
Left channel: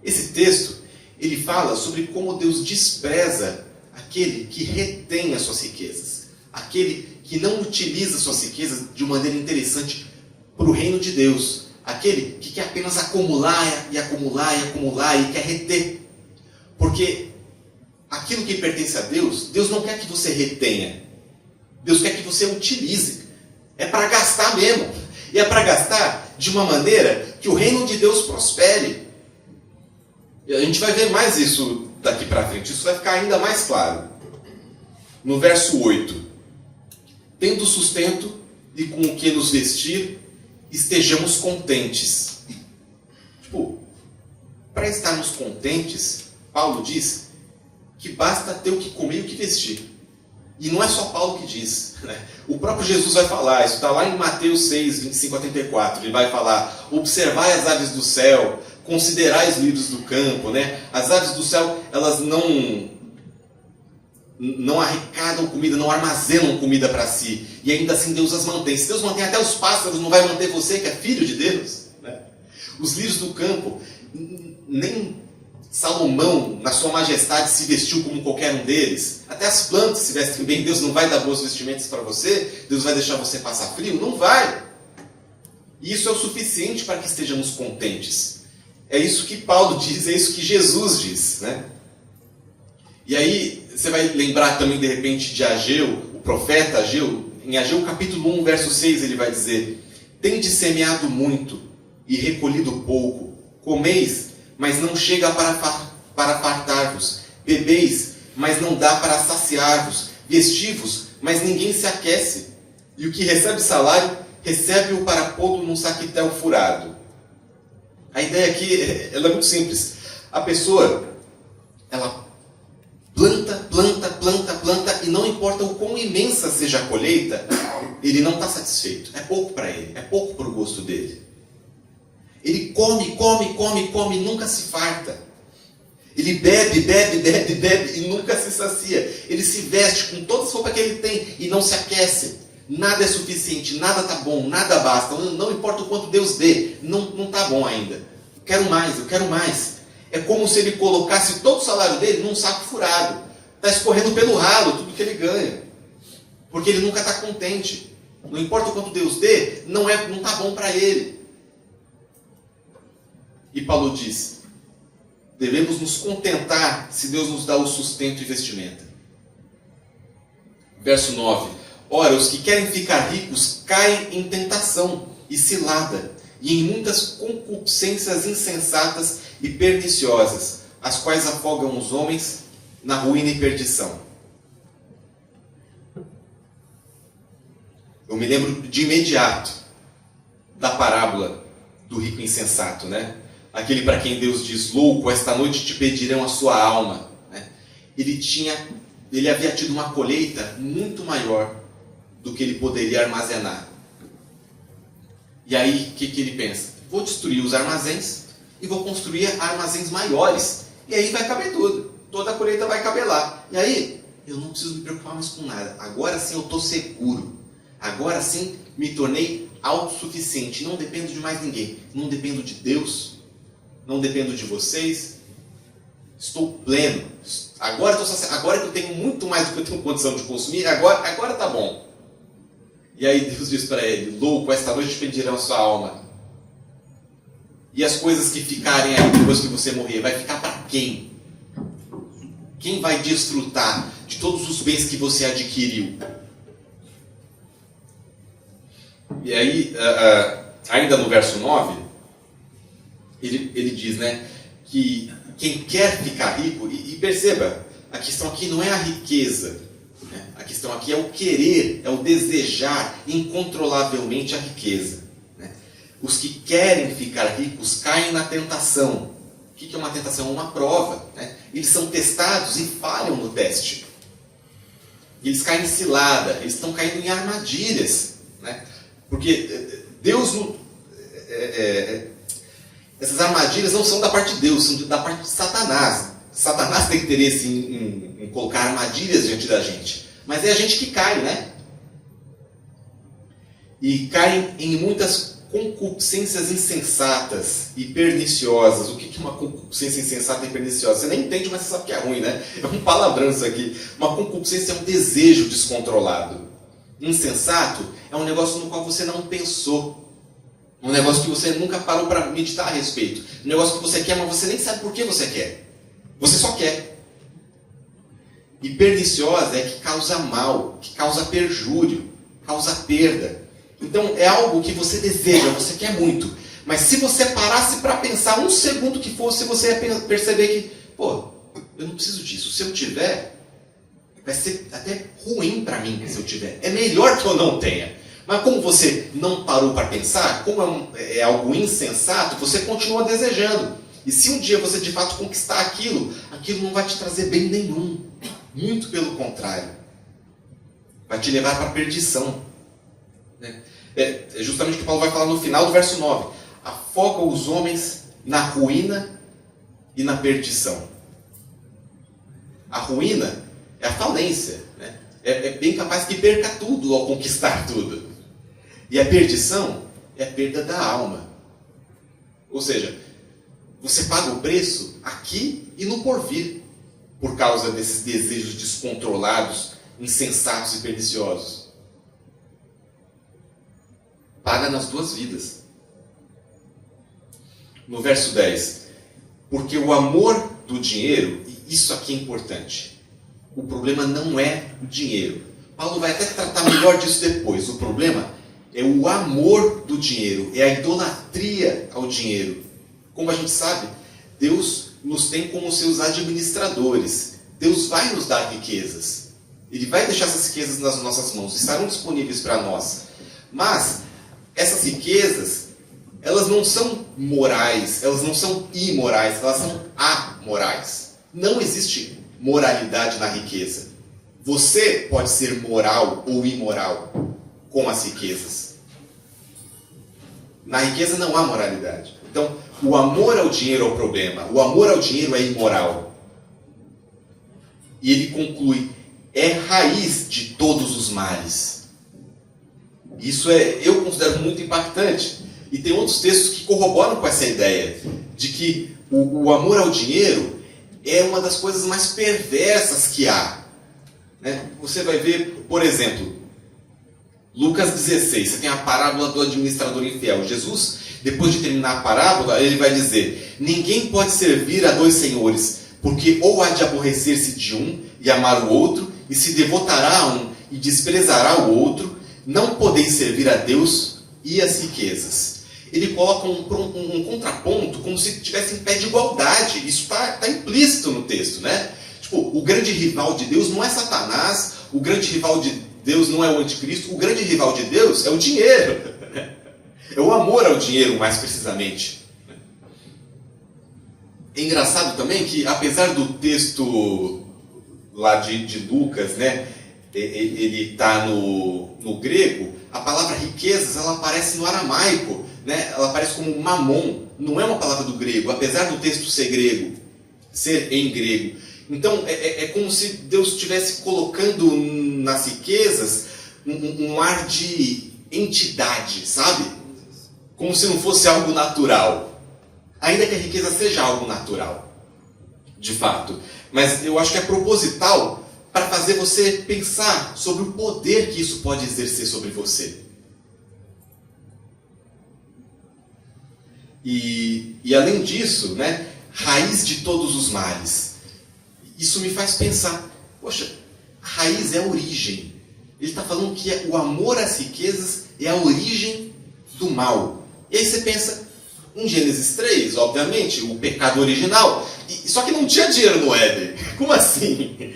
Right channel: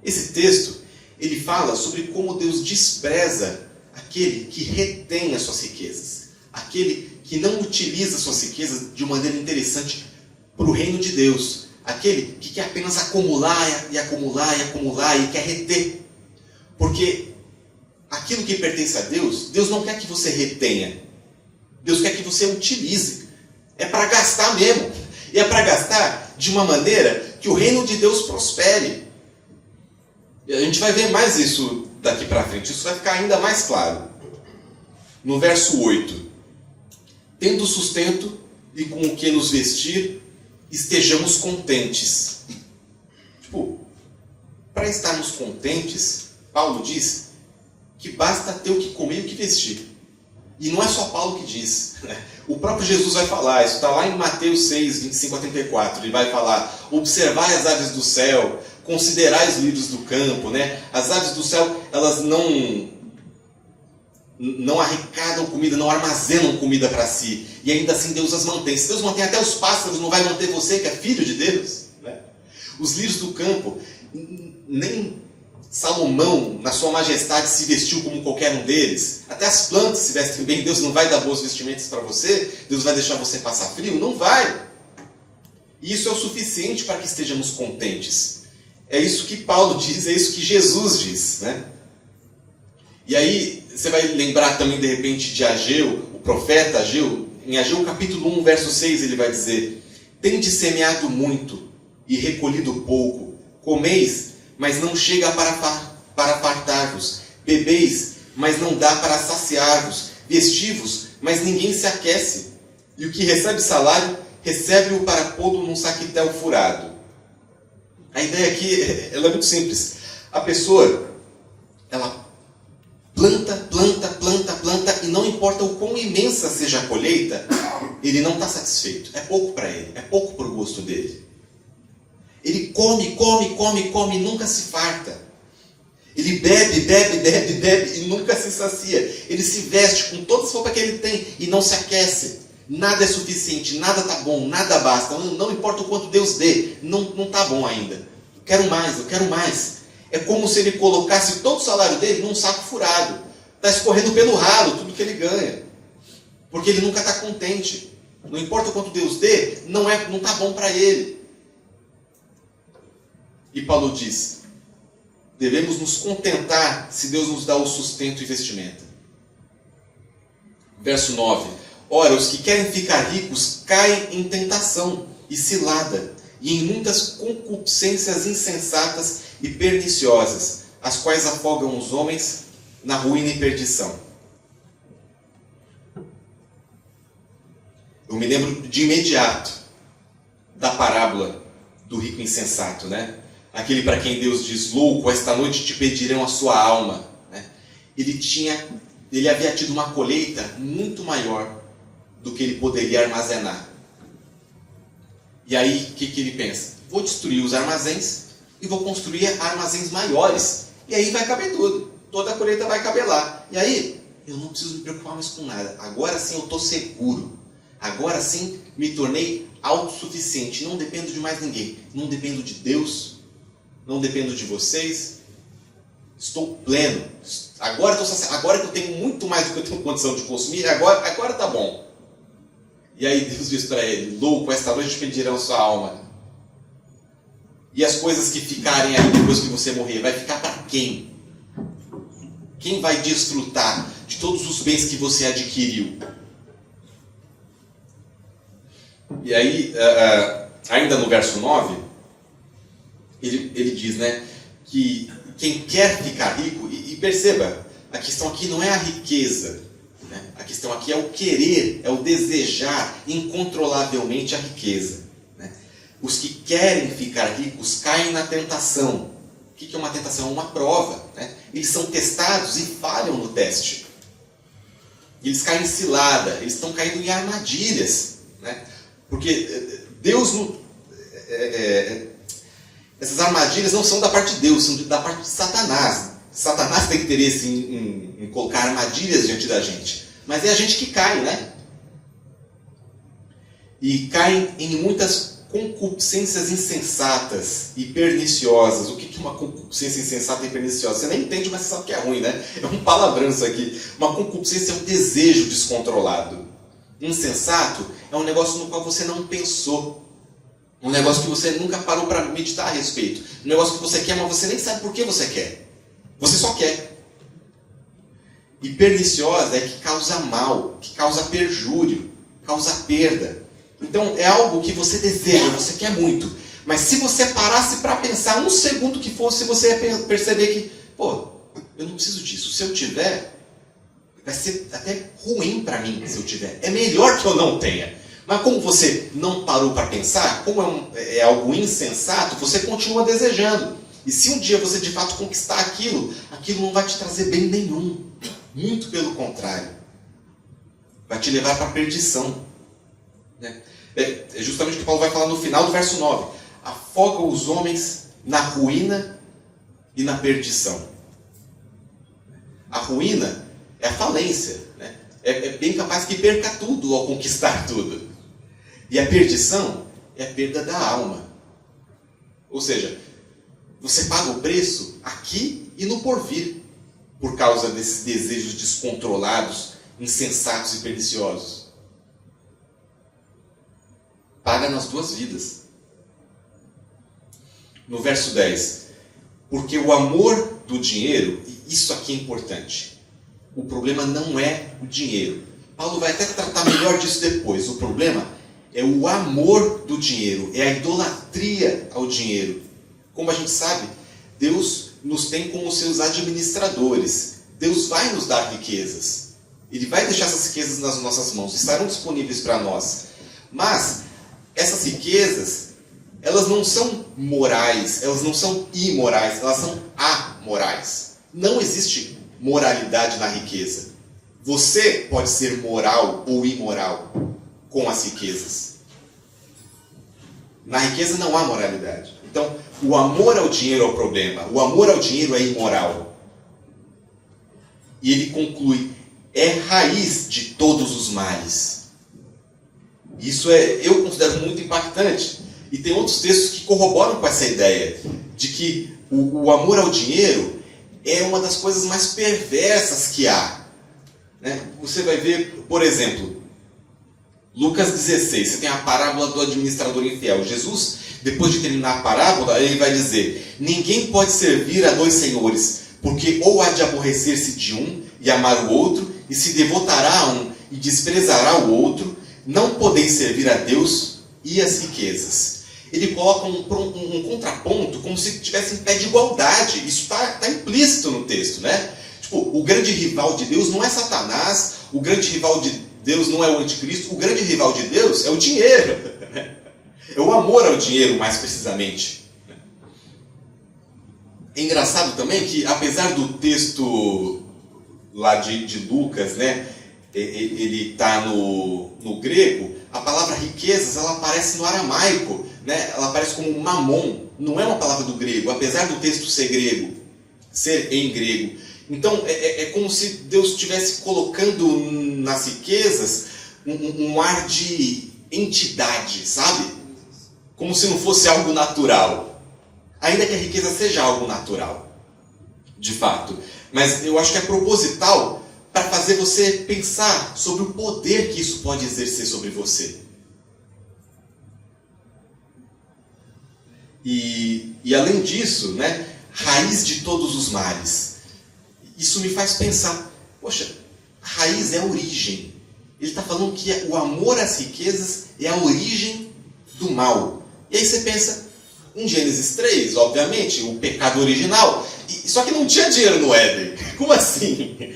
Esse texto, ele fala sobre como Deus despreza aquele que retém as suas riquezas, aquele que não utiliza as suas riquezas de maneira interessante para o reino de Deus, aquele que quer apenas acumular e acumular e acumular e quer reter. Porque aquilo que pertence a Deus, Deus não quer que você retenha, Deus quer que você utilize. É para gastar mesmo, e é para gastar de uma maneira que o reino de Deus prospere. E a gente vai ver mais isso daqui para frente, isso vai ficar ainda mais claro. No verso 8, tendo sustento e com o que nos vestir, estejamos contentes. Tipo, para estarmos contentes, Paulo diz que basta ter o que comer e o que vestir. E não é só Paulo que diz, né? O próprio Jesus vai falar, isso está lá em Mateus 6, 25 a 34. Ele vai falar: observai as aves do céu, considerai os lírios do campo, né? As aves do céu, elas não arrecadam comida, não armazenam comida para si. E ainda assim Deus as mantém. Se Deus mantém até os pássaros, não vai manter você, que é filho de Deus, né? Os lírios do campo, nem Salomão, na sua majestade, se vestiu como qualquer um deles. Até as plantas se vestem bem. Deus não vai dar boas vestimentas para você? Deus vai deixar você passar frio? Não vai. E isso é o suficiente para que estejamos contentes. É isso que Paulo diz, é isso que Jesus diz, né? E aí, você vai lembrar também, de repente, de Ageu, o profeta Ageu. Em Ageu, capítulo 1, verso 6, ele vai dizer: tendes semeado muito e recolhido pouco. Comeis, mas não chega para fartar-vos. Bebeis, mas não dá para saciar-vos. Vestivos, mas ninguém se aquece. E o que recebe salário, recebe-o para pô-lo num saquitel furado. A ideia aqui ela é muito simples. A pessoa, ela planta, e não importa o quão imensa seja a colheita, ele não está satisfeito. É pouco para ele, é pouco para o gosto dele. Ele come, e nunca se farta. Ele bebe e nunca se sacia. Ele se veste com toda a roupa que ele tem e não se aquece. Nada é suficiente, nada está bom, nada basta. Não importa o quanto Deus dê, não está bom ainda. Eu quero mais. É como se ele colocasse todo o salário dele num saco furado. Está escorrendo pelo ralo tudo que ele ganha. Porque ele nunca está contente. Não importa o quanto Deus dê, não está bom para ele. E Paulo diz: devemos nos contentar se Deus nos dá o sustento e vestimenta. Verso 9: ora, os que querem ficar ricos caem em tentação e cilada, e em muitas concupiscências insensatas e perniciosas, as quais afogam os homens na ruína e perdição. Eu me lembro de imediato da parábola do rico insensato, né? Aquele para quem Deus diz: louco, esta noite te pedirão a sua alma, né? Ele havia tido uma colheita muito maior do que ele poderia armazenar. E aí, o que ele pensa? Vou destruir os armazéns e vou construir armazéns maiores. E aí vai caber tudo. Toda a colheita vai caber lá. E aí, eu não preciso me preocupar mais com nada. Agora sim eu estou seguro. Agora sim me tornei autossuficiente. Não dependo de mais ninguém. Não dependo de Deus. Não dependo de vocês. Estou pleno. Agora que eu tenho muito mais do que eu tenho condição de consumir, agora está bom. E aí Deus diz para ele: louco, esta noite pedirão a sua alma. E as coisas que ficarem aí depois que você morrer, vai ficar para quem? Quem vai desfrutar de todos os bens que você adquiriu? E aí, ainda no verso 9, ele diz, né, que quem quer ficar rico, e perceba, a questão aqui não é a riqueza, né? A questão aqui é o querer, é o desejar incontrolavelmente a riqueza, né? Os que querem ficar ricos caem na tentação. O que é uma tentação? É uma prova, né? Eles são testados e falham no teste. Eles caem em cilada, eles estão caindo em armadilhas, né? Porque Deus não... essas armadilhas não são da parte de Deus, são da parte de Satanás. Satanás tem interesse em colocar armadilhas diante da gente. Mas é a gente que cai, né? E caem em muitas concupiscências insensatas e perniciosas. O que é uma concupiscência insensata e perniciosa? Você nem entende, mas você sabe que é ruim, né? É um palavrão isso aqui. Uma concupiscência é um desejo descontrolado. Insensato é um negócio no qual você não pensou. Um negócio que você nunca parou para meditar a respeito. Um negócio que você quer, mas você nem sabe por que você quer. Você só quer. E perniciosa é que causa mal, que causa perjúrio, causa perda. Então é algo que você deseja, você quer muito. Mas se você parasse para pensar um segundo que fosse, você ia perceber que, pô, eu não preciso disso. Se eu tiver, vai ser até ruim para mim se eu tiver. É melhor que eu não tenha. Mas como você não parou para pensar, como é algo insensato, você continua desejando. E se um dia você de fato conquistar aquilo, aquilo não vai te trazer bem nenhum. Muito pelo contrário. Vai te levar para a perdição. É justamente o que Paulo vai falar no final do verso 9. Afoga os homens na ruína e na perdição. A ruína é a falência. Né? É bem capaz que perca tudo ao conquistar tudo. E a perdição é a perda da alma. Ou seja, você paga o preço aqui e no porvir, por causa desses desejos descontrolados, insensatos e perniciosos. Paga nas duas vidas. No verso 10, porque o amor do dinheiro, e isso aqui é importante, o problema não é o dinheiro. Paulo vai até tratar melhor disso depois. O problema é o amor do dinheiro, é a idolatria ao dinheiro. Como a gente sabe, Deus nos tem como seus administradores. Deus vai nos dar riquezas. Ele vai deixar essas riquezas nas nossas mãos, estarão disponíveis para nós. Mas essas riquezas, elas não são morais, elas não são imorais, elas são amorais. Não existe moralidade na riqueza. Você pode ser moral ou imoral com as riquezas. Na riqueza não há moralidade. Então, o amor ao dinheiro é o problema. O amor ao dinheiro é imoral. E ele conclui, é raiz de todos os males. Isso eu considero muito impactante. E tem outros textos que corroboram com essa ideia de que o amor ao dinheiro é uma das coisas mais perversas que há. Né? Você vai ver, por exemplo, Lucas 16, você tem a parábola do administrador infiel. Jesus, depois de terminar a parábola, ele vai dizer, ninguém pode servir a dois senhores, porque ou há de aborrecer-se de um e amar o outro, e se devotará a um e desprezará o outro, não podeis servir a Deus e as riquezas. Ele coloca um contraponto como se estivesse em pé de igualdade. Isso está implícito no texto, né? Tipo, o grande rival de Deus não é Satanás, o grande rival de Deus não é o anticristo, o grande rival de Deus é o dinheiro. É o amor ao dinheiro, mais precisamente. É engraçado também que, apesar do texto lá de Lucas, né, ele está no grego, a palavra riquezas, ela aparece no aramaico, né, ela aparece como mamon, não é uma palavra do grego, apesar do texto ser grego, ser em grego. Então, é como se Deus estivesse colocando nas riquezas um ar de entidade, sabe? Como se não fosse algo natural. Ainda que a riqueza seja algo natural, de fato. Mas eu acho que é proposital para fazer você pensar sobre o poder que isso pode exercer sobre você. E além disso, né, raiz de todos os males. Isso me faz pensar, poxa, a raiz é a origem. Ele está falando que o amor às riquezas é a origem do mal. E aí você pensa, em Gênesis 3, obviamente, o pecado original. Só que não tinha dinheiro no Éden. Como assim?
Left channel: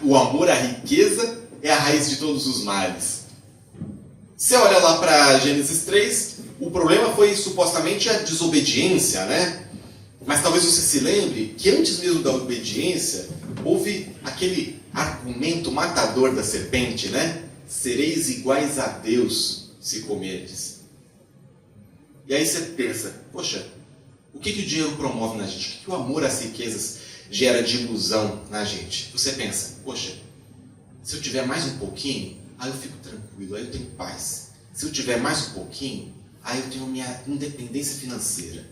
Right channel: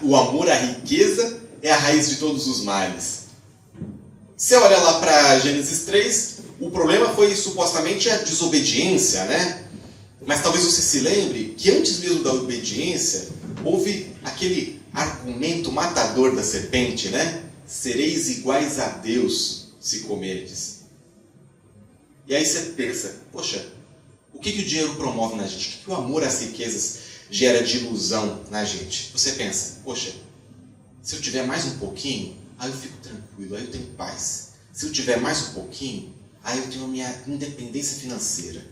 O amor à riqueza é a raiz de todos os males. Você olha lá para Gênesis 3, o problema foi supostamente a desobediência, né? Mas talvez você se lembre que antes mesmo da obediência, houve aquele argumento matador da serpente, né? Sereis iguais a Deus se comerdes. E aí você pensa, poxa, o que o dinheiro promove na gente? O que o amor às riquezas gera de ilusão na gente? Você pensa, poxa, se eu tiver mais um pouquinho, aí eu fico tranquilo, aí eu tenho paz. Se eu tiver mais um pouquinho, aí eu tenho minha independência financeira.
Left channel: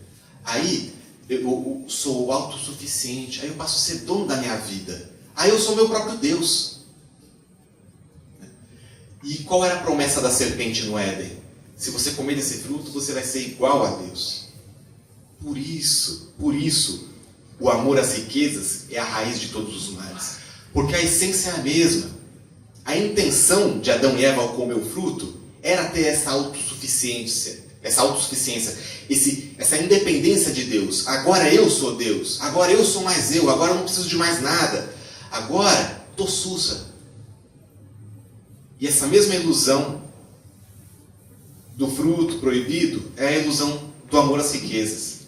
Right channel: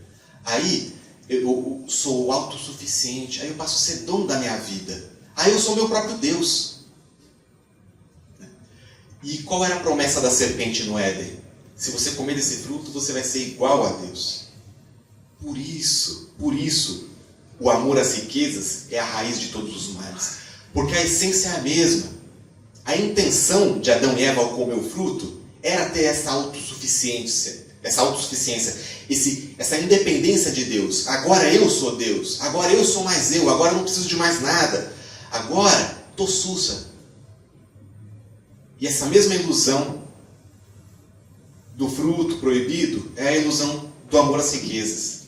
Aí eu sou autossuficiente, aí eu passo a ser dono da minha vida. Aí eu sou meu próprio Deus. E qual era a promessa da serpente no Éden? Se você comer desse fruto, você vai ser igual a Deus. Por isso, o amor às riquezas é a raiz de todos os males. Porque a essência é a mesma. A intenção de Adão e Eva ao comer o fruto era ter essa autossuficiência, essa independência de Deus. Agora eu sou Deus, agora eu sou mais eu, agora eu não preciso de mais nada. Agora estou sussa. E essa mesma ilusão do fruto proibido é a ilusão do amor às riquezas.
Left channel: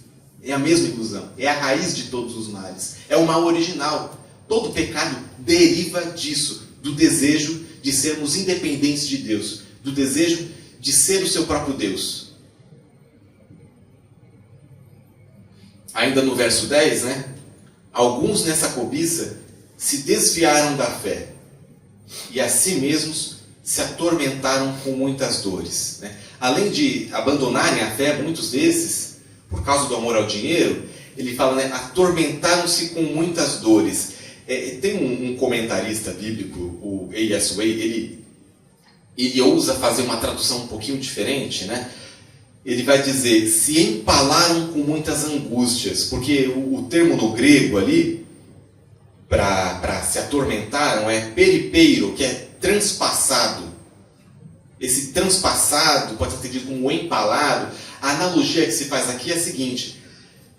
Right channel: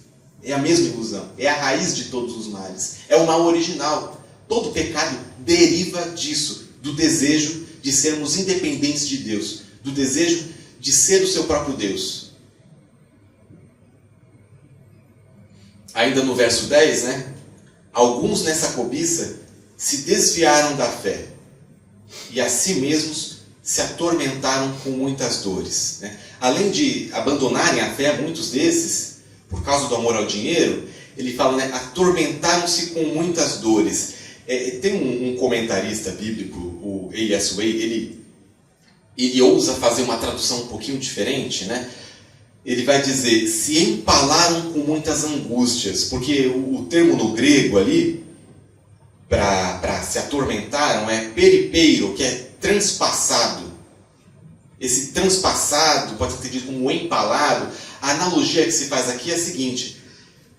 É a mesma ilusão. É a raiz de todos os males. É o mal original. Todo pecado deriva disso, do desejo de sermos independentes de Deus, do desejo de ser o seu próprio Deus. Ainda no verso 10, né? Alguns nessa cobiça se desviaram da fé e a si mesmos se atormentaram com muitas dores. Né? Além de abandonarem a fé, muitos desses, por causa do amor ao dinheiro, ele fala, né? Atormentaram-se com muitas dores. Tem um comentarista bíblico, o Elias Way, ele ousa fazer uma tradução um pouquinho diferente, né? Ele vai dizer, se empalaram com muitas angústias, porque o termo no grego ali, para se atormentaram, é peripeiro, que é transpassado. Esse transpassado pode ser entendido como empalado. A analogia que se faz aqui é a seguinte,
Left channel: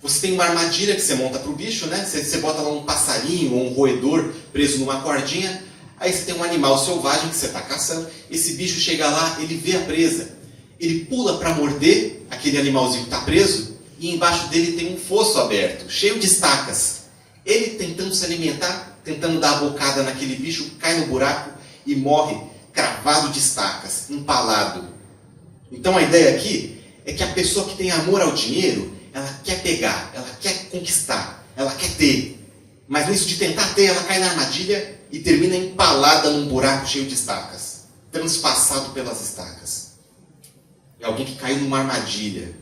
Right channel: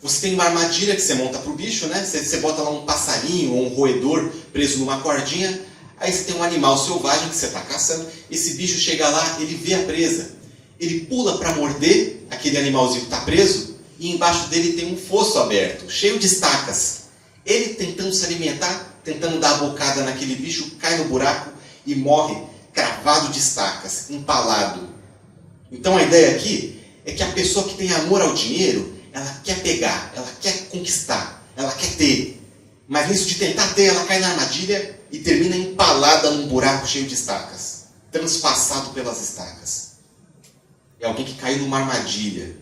você tem uma armadilha que você monta para o bicho, né? Você bota lá um passarinho ou um roedor preso numa cordinha, aí você tem um animal selvagem que você está caçando, esse bicho chega lá, ele vê a presa, ele pula para morder aquele animalzinho que está preso e embaixo dele tem um fosso aberto, cheio de estacas. Ele tentando se alimentar, tentando dar a bocada naquele bicho, cai no buraco e morre cravado de estacas, empalado. Então a ideia aqui é que a pessoa que tem amor ao dinheiro, ela quer pegar, ela quer conquistar, ela quer ter. Mas nisso de tentar ter, ela cai na armadilha e termina empalada num buraco cheio de estacas, transpassado pelas estacas. É alguém que caiu numa armadilha.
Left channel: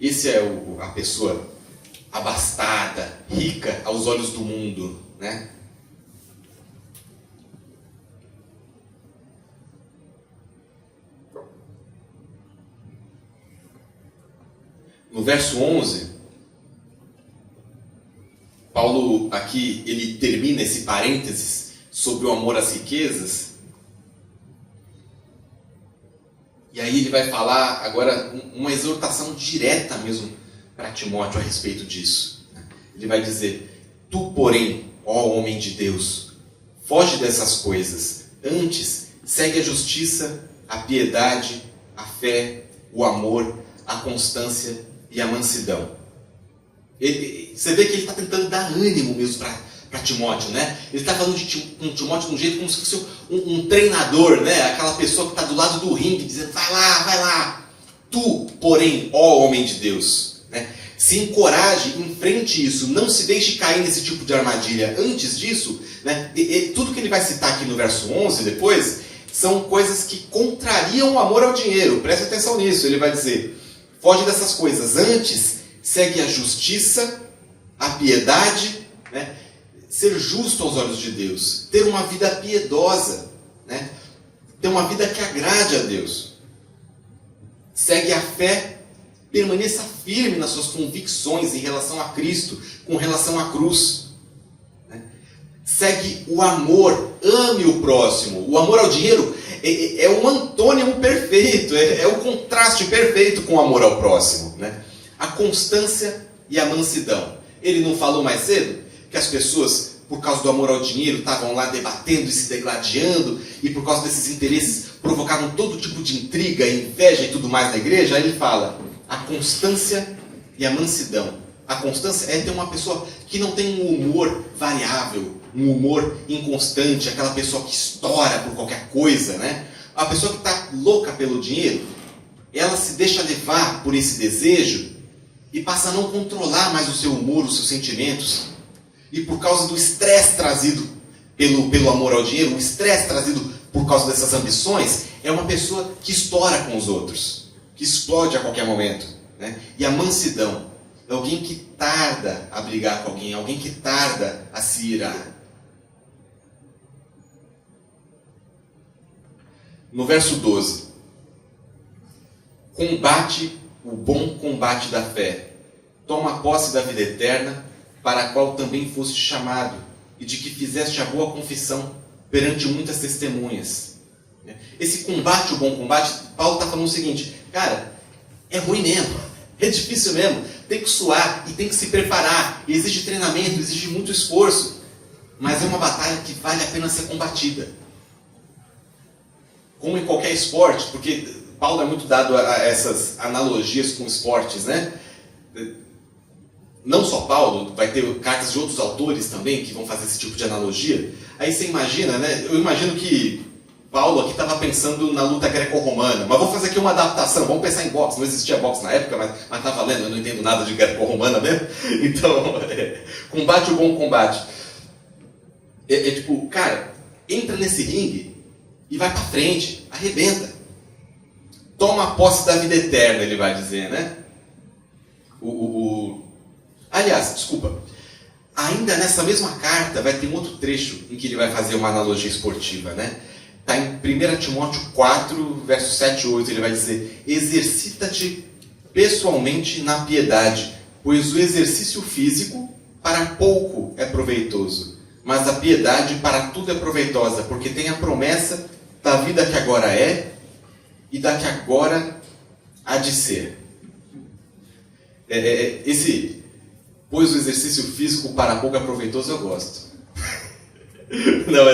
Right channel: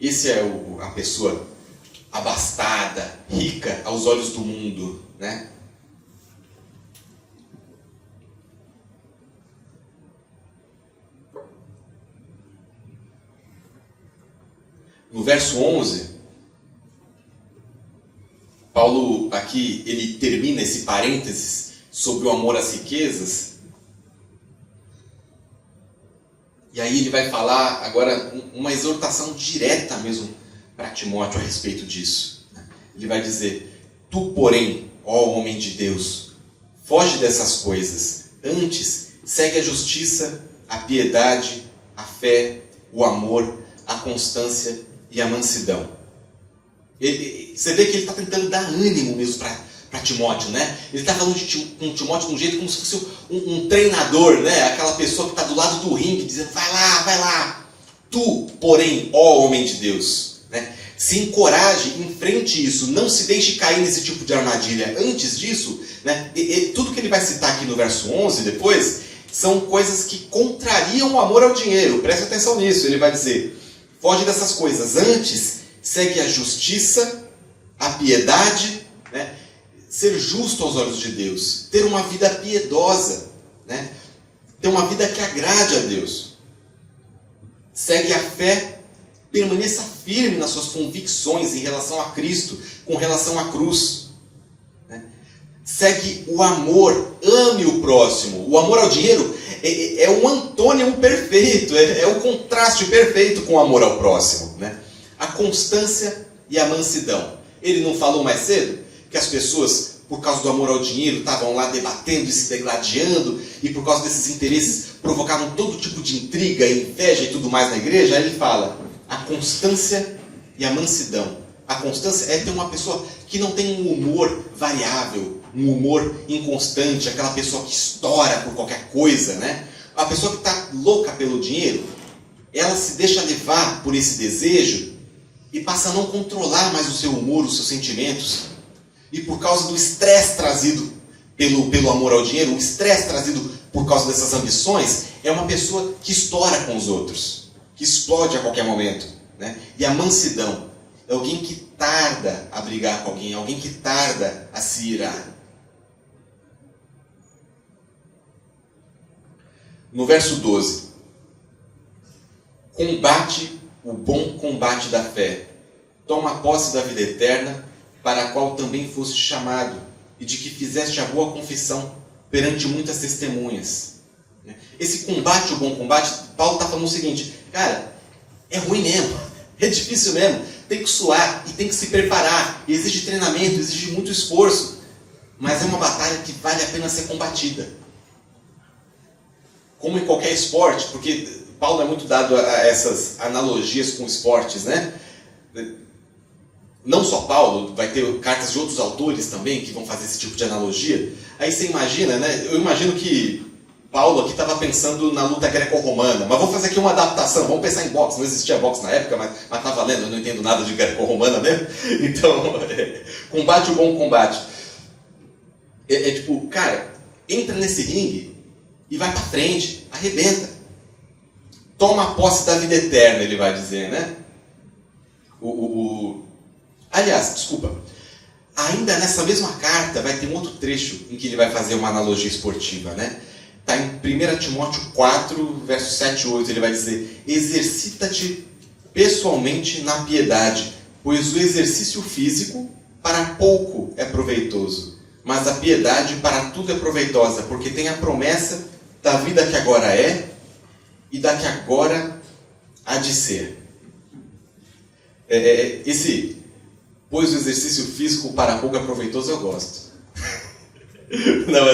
Esse é a pessoa abastada, rica aos olhos do mundo, né? No verso 11, Paulo aqui, ele termina esse parênteses sobre o amor às riquezas. E aí ele vai falar agora uma exortação direta mesmo para Timóteo a respeito disso. Ele vai dizer, tu, porém, ó homem de Deus, foge dessas coisas. Antes, segue a justiça, a piedade, a fé, o amor, a constância e a mansidão. Você vê que ele está tentando dar ânimo mesmo para Timóteo, né? Ele está falando com Timóteo de um jeito como se fosse um treinador, né? Aquela pessoa que está do lado do ringue, dizendo, vai lá. Tu, porém, ó homem de Deus, né? Se encoraje, enfrente isso, não se deixe cair nesse tipo de armadilha. Antes disso, né? Tudo que ele vai citar aqui no verso 11, depois, são coisas que contrariam o amor ao dinheiro. Preste atenção nisso. Ele vai dizer, foge dessas coisas. Antes, segue a justiça, a piedade, né? Ser justo aos olhos de Deus, ter uma vida piedosa, né? Ter uma vida que agrade a Deus. Segue a fé, permaneça firme nas suas convicções em relação a Cristo, com relação à cruz. Né? Segue o amor, ame o próximo. O amor ao dinheiro é um antônimo perfeito, é o contraste perfeito com o amor ao próximo. Né? A constância e a mansidão. Ele não falou mais cedo que as pessoas, por causa do amor ao dinheiro, estavam lá debatendo e se degladiando, e por causa desses interesses provocavam todo tipo de intriga, inveja e tudo mais na igreja? Aí ele fala, a constância e a mansidão. A constância é ter uma pessoa que não tem um humor variável, um humor inconstante, aquela pessoa que estoura por qualquer coisa, né? A pessoa que está louca pelo dinheiro, ela se deixa levar por esse desejo e passa a não controlar mais o seu humor, os seus sentimentos. E por causa do estresse trazido pelo amor ao dinheiro, o estresse trazido por causa dessas ambições, é uma pessoa que estoura com os outros, que explode a qualquer momento. Né? E a mansidão é alguém que tarda a brigar com alguém que tarda a se irar. No verso 12, combate o bom combate da fé, toma posse da vida eterna, para a qual também foste chamado, e de que fizeste a boa confissão perante muitas testemunhas. Esse combate, o bom combate, Paulo está falando o seguinte, cara, é ruim mesmo, é difícil mesmo, tem que suar e tem que se preparar, e exige treinamento, exige muito esforço, mas é uma batalha que vale a pena ser combatida. como em qualquer esporte, porque Paulo é muito dado a essas analogias com esportes, né? Não só Paulo, vai ter cartas de outros autores também que vão fazer esse tipo de analogia. Aí você imagina, né? Eu imagino que Paulo aqui estava pensando na luta greco-romana, mas vamos fazer aqui uma adaptação, vamos pensar em boxe. Não existia boxe na época, mas tá valendo, eu não entendo nada de greco-romana mesmo. Então, combate o bom combate. Tipo, cara, entra nesse ringue e vai pra frente, arrebenta. Toma posse da vida eterna, ele vai dizer, né? Aliás, desculpa, ainda nessa mesma carta vai ter um outro trecho em que ele vai fazer uma analogia esportiva, né? Está em 1 Timóteo 4, versos 7 e 8, ele vai dizer: exercita-te pessoalmente na piedade, pois o exercício físico para pouco é proveitoso, mas a piedade para tudo é proveitosa, porque tem a promessa da vida que agora é e da que agora há de ser. Pois o exercício físico para pouco é proveitoso, eu gosto. Não,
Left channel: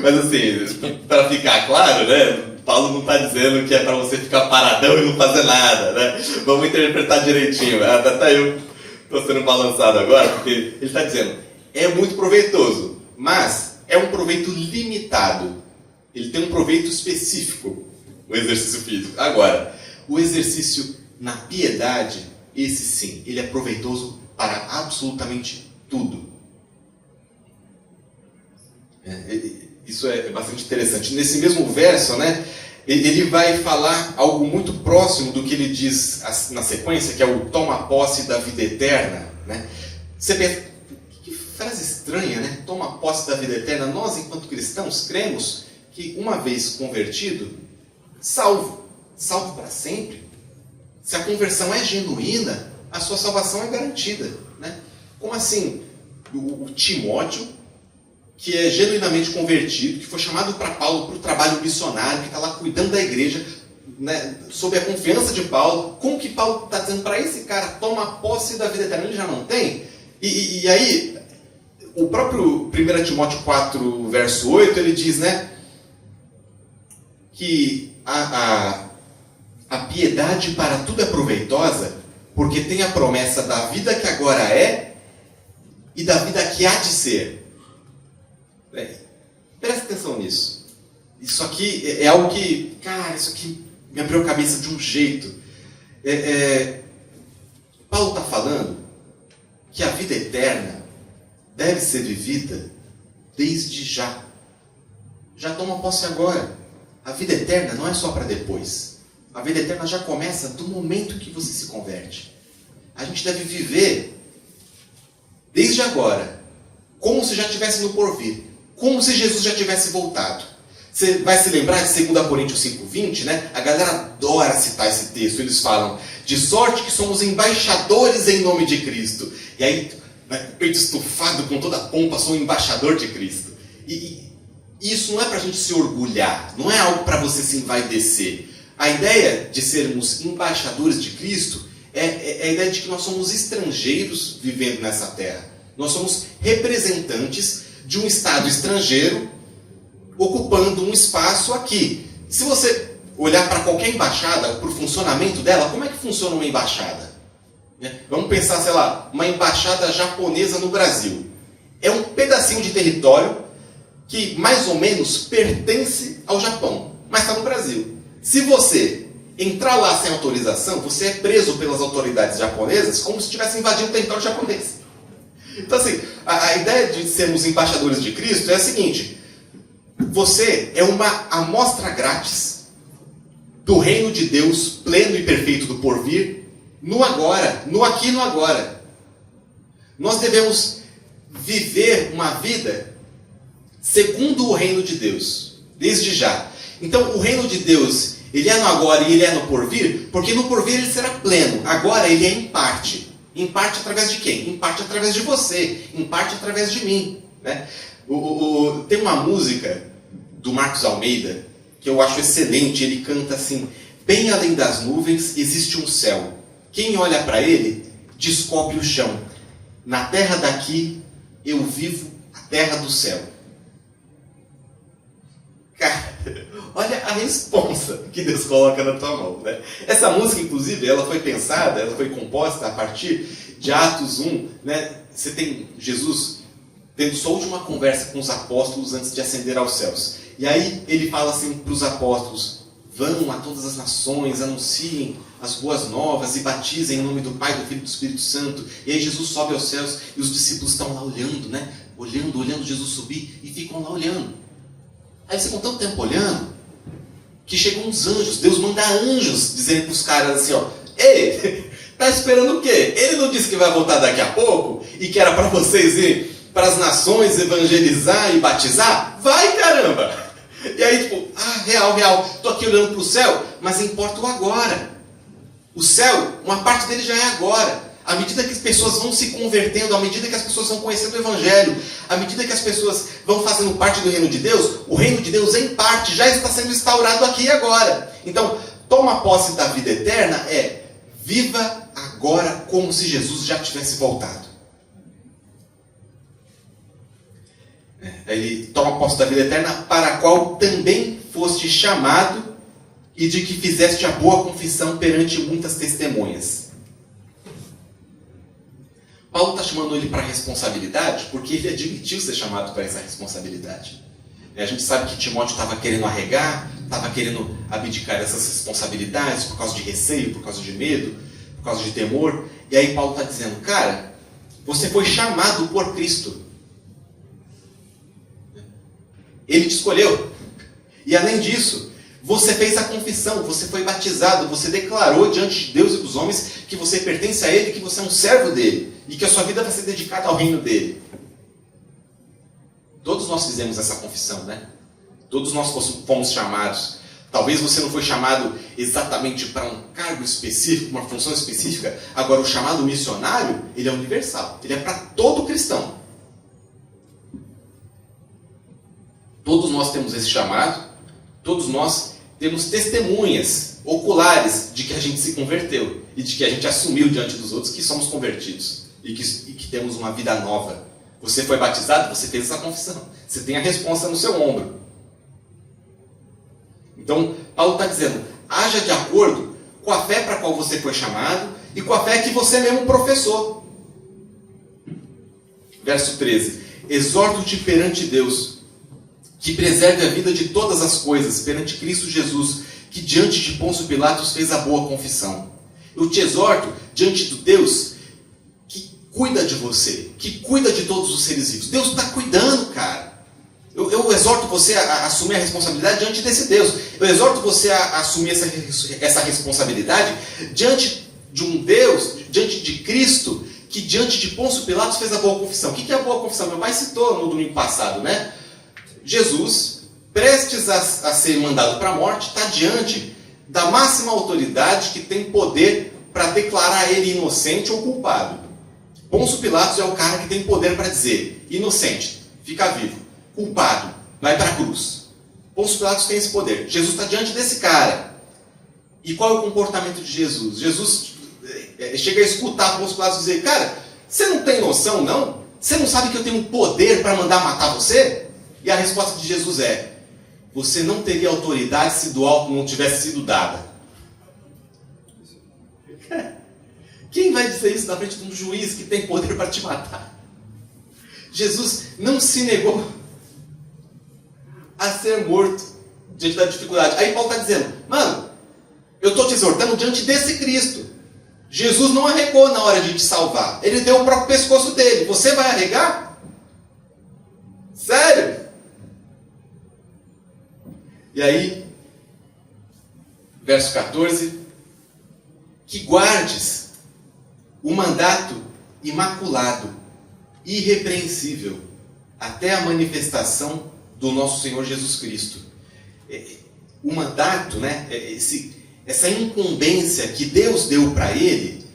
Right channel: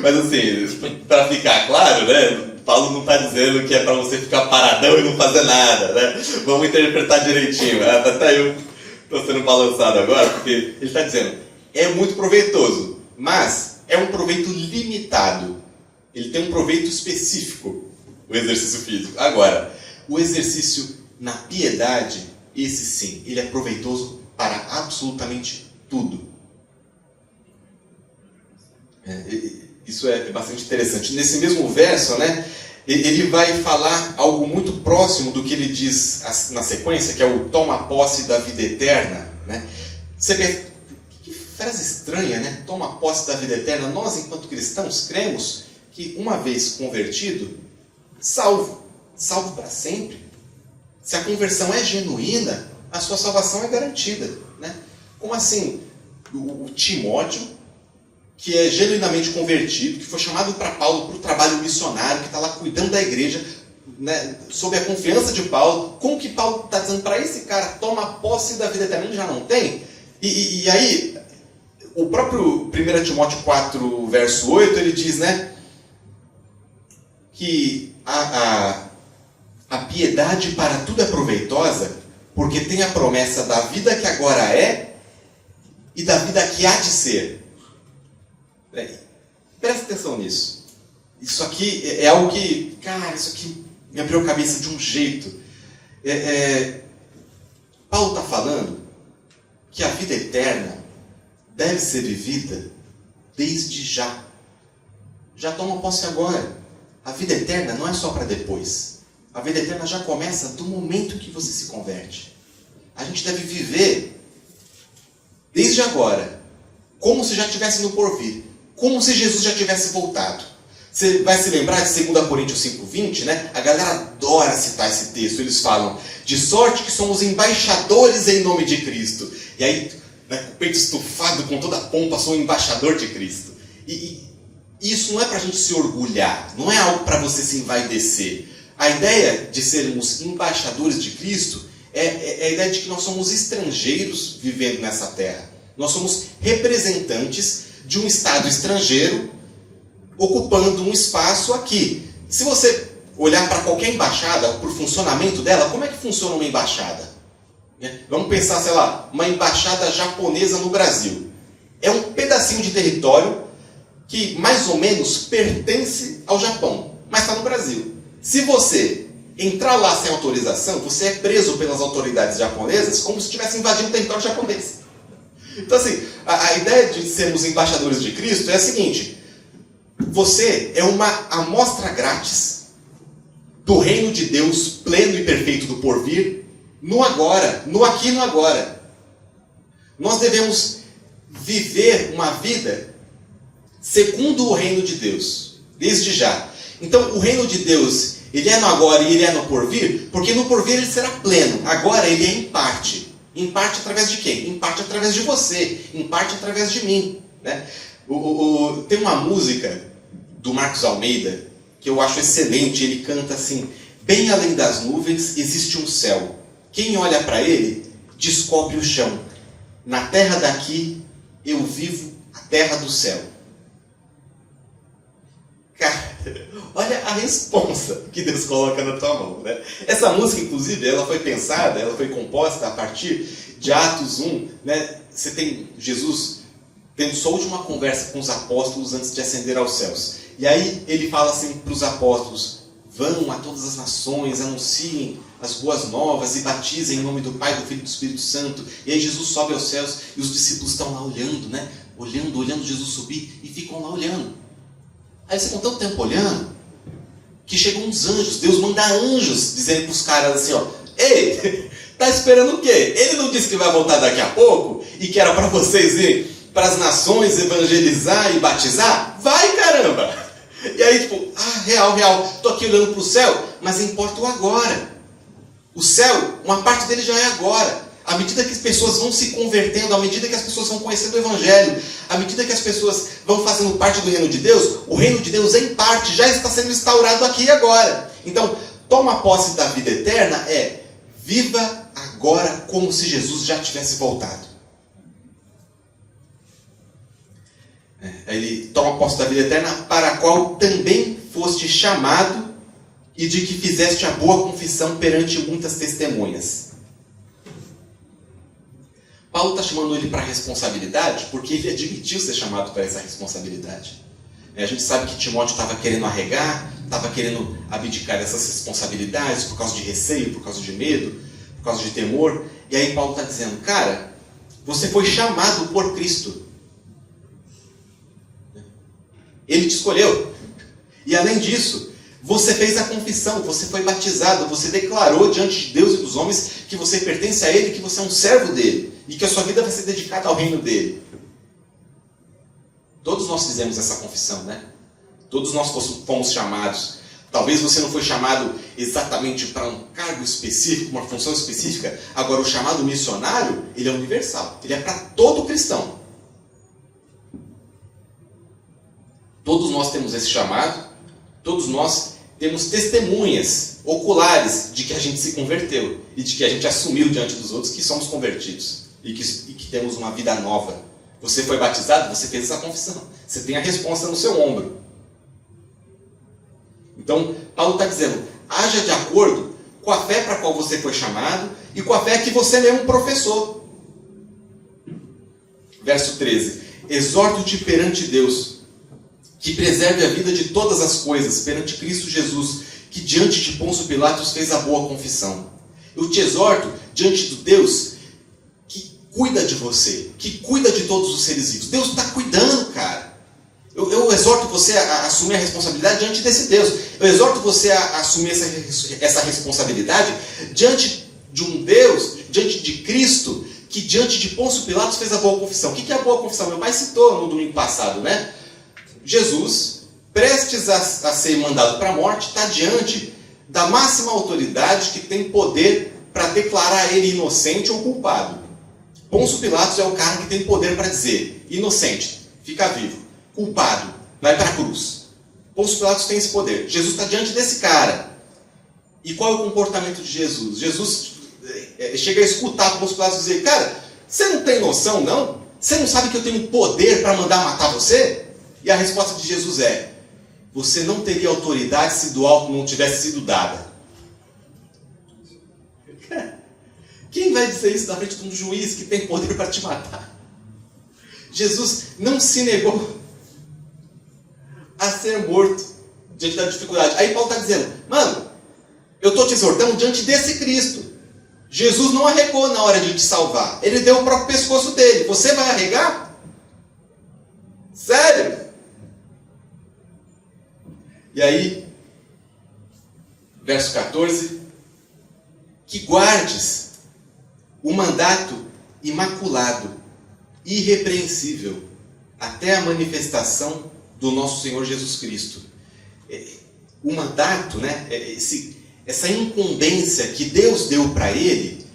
mas assim, para ficar claro, né? Paulo não está dizendo que é para você ficar paradão e não fazer nada, né? Vamos interpretar direitinho. Até eu estou sendo balançado agora, porque ele está dizendo, é muito proveitoso, mas é um proveito limitado. Ele tem um proveito específico, o exercício físico. Agora, o exercício na piedade, esse sim, ele é proveitoso para absolutamente tudo. Isso é bastante interessante. Nesse mesmo verso, né, ele vai falar algo muito próximo do que ele diz na sequência, que é o toma posse da vida eterna. Né? Você pensa, que frase estranha, né? Toma posse da vida eterna. Nós, enquanto cristãos, cremos que uma vez convertido, salvo para sempre. Se a conversão é genuína, a sua salvação é garantida. Né? Como assim? O Timóteo, que é genuinamente convertido, que foi chamado para Paulo para o trabalho missionário, que está lá cuidando da igreja, né, sob a confiança de Paulo, como que Paulo está dizendo para esse cara, toma posse da vida eterna, ele já não tem? E aí, o próprio 1 Timóteo 4, verso 8, ele diz, né, que a piedade para tudo é proveitosa, porque tem a promessa da vida que agora é e da vida que há de ser. Presta atenção nisso. Isso aqui é algo que, cara, isso aqui me abriu a cabeça de um jeito. Paulo está falando que a vida eterna deve ser vivida desde já. Já toma posse agora. A vida eterna não é só para depois. A vida eterna já começa do momento que você se converte. A gente deve viver desde agora, como se já estivesse no porvir. Como se Jesus já tivesse voltado. Você vai se lembrar de 2 Coríntios 5,20, né? A galera adora citar esse texto. Eles falam, de sorte que somos embaixadores em nome de Cristo. E aí, né, com o peito estufado, com toda a pompa, sou um embaixador de Cristo. E isso não é para a gente se orgulhar. Não é algo para você se envaidecer. A ideia de sermos embaixadores de Cristo é a ideia de que nós somos estrangeiros vivendo nessa terra. Nós somos representantes de um Estado estrangeiro ocupando um espaço aqui. Se você olhar para qualquer embaixada, para o funcionamento dela, como é que funciona uma embaixada? Vamos pensar, sei lá, uma embaixada japonesa no Brasil. É um pedacinho de território que mais ou menos pertence ao Japão, mas está no Brasil. Se você entrar lá sem autorização, você é preso pelas autoridades japonesas como se estivesse invadindo o território japonês. Então, assim, a ideia de sermos embaixadores de Cristo é a seguinte: você é uma amostra grátis do reino de Deus pleno e perfeito do porvir, no agora, no aqui e no agora. Nós devemos viver uma vida segundo o reino de Deus, desde já. Então, o reino de Deus, ele é no agora e ele é no porvir, porque no porvir ele será pleno, agora ele é em parte. Em parte através de quem? Em parte através de você. Em parte através de mim. Né? Tem uma música do Marcos Almeida que eu acho excelente. Ele canta assim: bem além das nuvens existe um céu. Quem olha para ele descobre o chão. Na terra daqui eu vivo a terra do céu. Cara, Olha a responsa que Deus coloca na tua mão, né? Essa música, inclusive, ela foi pensada, ela foi composta a partir de Atos 1, né? Você tem Jesus tendo sua última conversa com os apóstolos antes de ascender aos céus. E aí ele fala assim para os apóstolos: vão a todas as nações, anunciem as boas novas e batizem em nome do Pai, do Filho e do Espírito Santo. E aí Jesus sobe aos céus e os discípulos estão lá olhando, né? Olhando Jesus subir e ficam lá olhando. Aí você com tanto tempo olhando que chegam uns anjos. Deus manda anjos dizendo para os caras assim, ó: ei, tá esperando o quê? Ele não disse que vai voltar daqui a pouco e que era para vocês irem para as nações evangelizar e batizar? Vai, caramba! E aí, tipo, real, tô aqui olhando para o céu, mas importa o agora. O céu, uma parte dele já é agora. À medida que as pessoas vão se convertendo, à medida que as pessoas vão conhecendo o Evangelho, à medida que as pessoas vão fazendo parte do reino de Deus, o reino de Deus, em parte, já está sendo instaurado aqui e agora. Então, toma posse da vida eterna viva agora como se Jesus já tivesse voltado. Ele toma posse da vida eterna, para a qual também foste chamado e de que fizeste a boa confissão perante muitas testemunhas. Paulo está chamando ele para a responsabilidade porque ele admitiu ser chamado para essa responsabilidade. A gente sabe que Timóteo estava querendo arregar, estava querendo abdicar dessas responsabilidades por causa de receio, por causa de medo, por causa de temor. E aí Paulo está dizendo: cara, você foi chamado por Cristo. Ele te escolheu. E além disso, você fez a confissão, você foi batizado, você declarou diante de Deus e dos homens que você pertence a Ele, que você é um servo dele e que a sua vida vai ser dedicada ao reino dele. Todos nós fizemos essa confissão, né? Todos nós fomos chamados. Talvez você não foi chamado exatamente para um cargo específico, uma função específica. Agora, o chamado missionário, ele é universal. Ele é para todo cristão. Todos nós temos esse chamado. Todos nós temos testemunhas oculares de que a gente se converteu e de que a gente assumiu diante dos outros que somos convertidos e que temos uma vida nova. Você foi batizado, você fez essa confissão. Você tem a resposta no seu ombro. Então, Paulo está dizendo: haja de acordo com a fé para a qual você foi chamado e com a fé que você mesmo professou. Verso 13: exorto-te perante Deus, que preserve a vida de todas as coisas, perante Cristo Jesus, que diante de Pôncio Pilatos fez a boa confissão. Eu te exorto diante do Deus que cuida de você, que cuida de todos os seres vivos. Deus está cuidando, cara. Eu exorto você a assumir a responsabilidade diante desse Deus. Eu exorto você a assumir essa responsabilidade diante de um Deus, diante de Cristo, que diante de Pôncio Pilatos fez a boa confissão. O que é a boa confissão? Meu pai citou no domingo passado, né? Jesus, prestes a ser mandado para a morte, está diante da máxima autoridade que tem poder para declarar ele inocente ou culpado. Pôncio Pilatos é o cara que tem poder para dizer: inocente, fica vivo. Culpado, vai para a cruz. Pôncio Pilatos tem esse poder. Jesus está diante desse cara. E qual é o comportamento de Jesus? Jesus chega a escutar Pôncio Pilatos dizer: cara, você não tem noção, não? Você não sabe que eu tenho poder para mandar matar você? E a resposta de Jesus é: você não teria autoridade se do alto não tivesse sido dada. Quem vai dizer isso na frente de um juiz que tem poder para te matar? Jesus não se negou a ser morto diante da dificuldade. Aí Paulo está dizendo: mano, eu estou te exortando diante desse Cristo. Jesus não arregou na hora de te salvar. Ele deu o próprio pescoço dele. Você vai arregar? Sério? E aí, verso 14: que guardes o mandato imaculado, irrepreensível, até a manifestação do nosso Senhor Jesus Cristo. O mandato, né, essa incumbência que Deus deu para ele,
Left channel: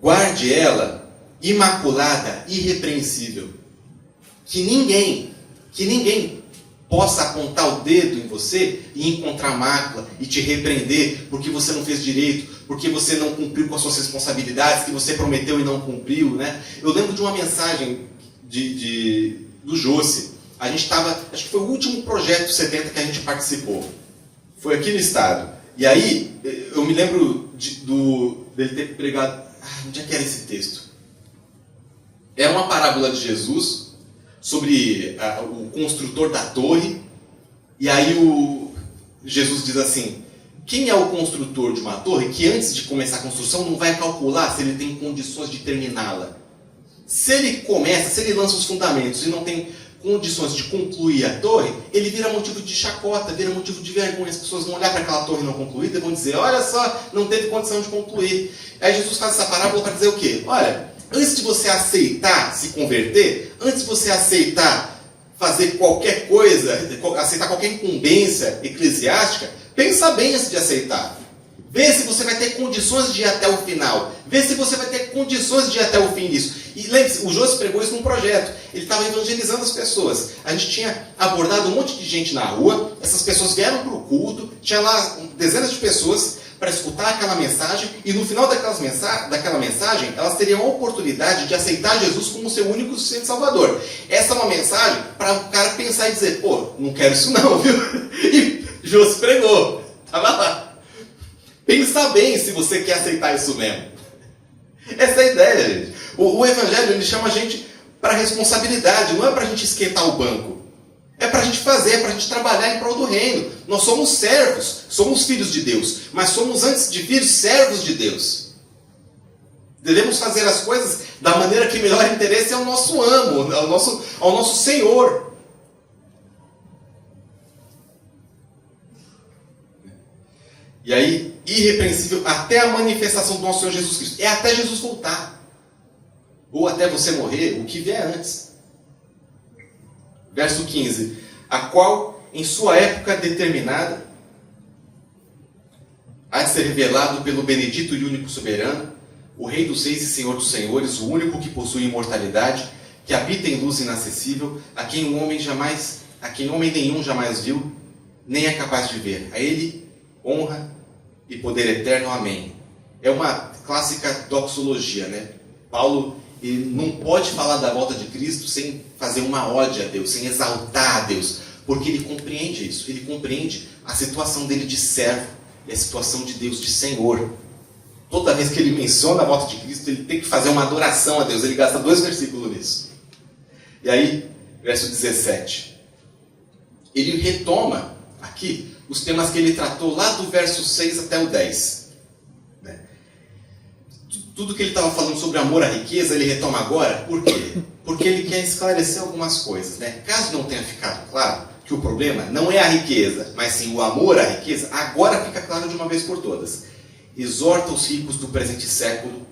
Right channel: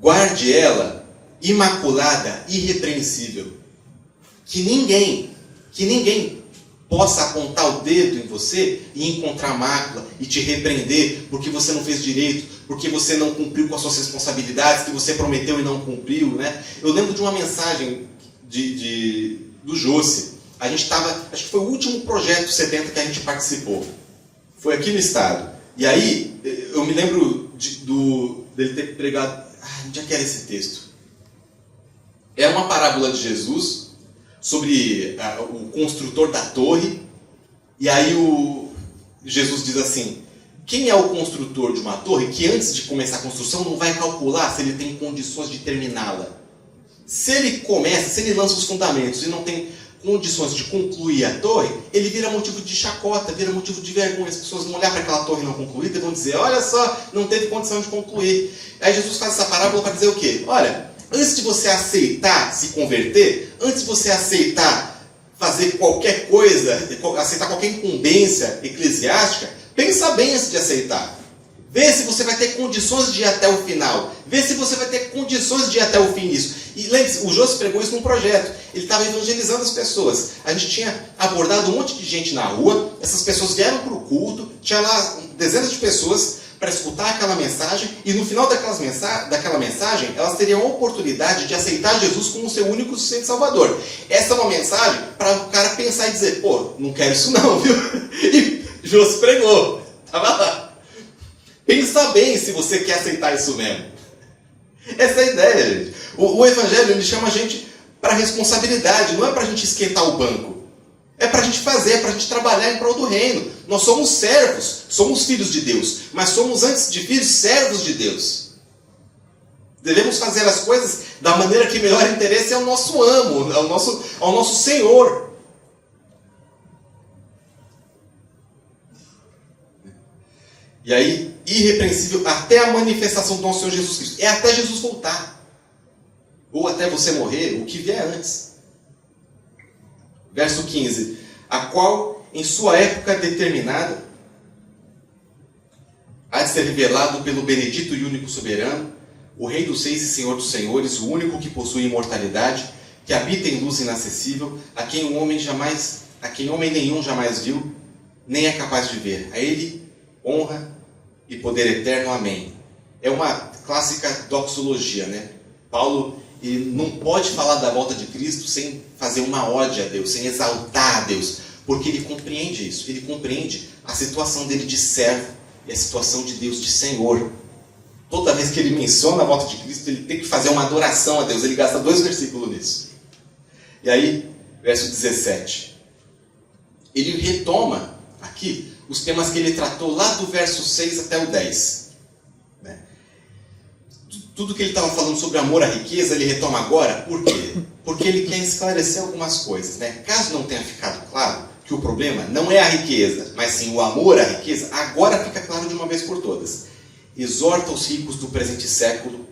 guarde ela imaculada, irrepreensível. Que ninguém possa apontar o dedo em você e encontrar mácula e te repreender porque você não fez direito, porque você não cumpriu com as suas responsabilidades que você prometeu e não cumpriu, né? Eu lembro de uma mensagem do Josse, a gente estava, acho que foi o último projeto 70 que a gente participou. Foi aqui no estado. E aí, eu me lembro dele ter pregado... onde é que era esse texto? É uma parábola de Jesus sobre o construtor da torre. E aí Jesus diz assim: quem é o construtor de uma torre que antes de começar a construção não vai calcular se ele tem condições de terminá-la? Se ele lança os fundamentos e não tem condições de concluir a torre, ele vira motivo de chacota, vira motivo de vergonha. As pessoas vão olhar para aquela torre não concluída e vão dizer: olha só, não teve condição de concluir. Aí Jesus faz essa parábola para dizer o quê? Olha, antes de você aceitar se converter, antes de você aceitar fazer qualquer coisa, aceitar qualquer incumbência eclesiástica, pensa bem antes de aceitar. Vê se você vai ter condições de ir até o final. Vê se você vai ter condições de ir até o fim disso. E lembre-se, o Josi pregou isso num projeto. Ele estava evangelizando as pessoas. A gente tinha abordado um monte de gente na rua. Essas pessoas vieram para o culto. Tinha lá dezenas de pessoas para escutar aquela mensagem. E no final daquela mensagem, elas teriam a oportunidade de aceitar Jesus como seu único e suficiente Salvador. Essa é uma mensagem para o cara pensar e dizer: pô, não quero isso não, viu? E Josi pregou. Estava lá. Pensa bem se você quer aceitar isso mesmo. Essa é a ideia, gente. O Evangelho, ele chama a gente para responsabilidade, não é para a gente esquentar o banco. É para a gente fazer, é para a gente trabalhar em prol do reino. Nós somos servos, somos filhos de Deus, mas somos, antes de filhos, servos de Deus. Devemos fazer as coisas da maneira que melhor interesse ao nosso amo, ao nosso Senhor. E aí, irrepreensível até a manifestação do nosso Senhor Jesus Cristo. É até Jesus voltar. Ou até você morrer, o que vier antes. Verso 15. A qual, em sua época determinada, há de ser revelado pelo benedito e único soberano, o Rei dos Seis e Senhor dos Senhores, o único que possui imortalidade, que habita em luz inacessível, a quem homem nenhum jamais viu, nem é capaz de ver. A ele honra e poder eterno. Amém. É uma clássica doxologia, né? Paulo, ele não pode falar da volta de Cristo sem fazer uma ode a Deus, sem exaltar a Deus, porque ele compreende isso. Ele compreende a situação dele de servo e a situação de Deus de Senhor. Toda vez que ele menciona a volta de Cristo, ele tem que fazer uma adoração a Deus. Ele gasta 2 versículos nisso. E aí, verso 17. Ele retoma aqui os temas que ele tratou lá do verso 6 até o 10. Né? Tudo que ele estava falando sobre amor à riqueza, ele retoma agora. Por quê? Porque ele quer esclarecer algumas coisas. Né? Caso não tenha ficado claro que o problema não é a riqueza, mas sim o amor à riqueza, agora fica claro de uma vez por todas. Exorta os ricos do presente século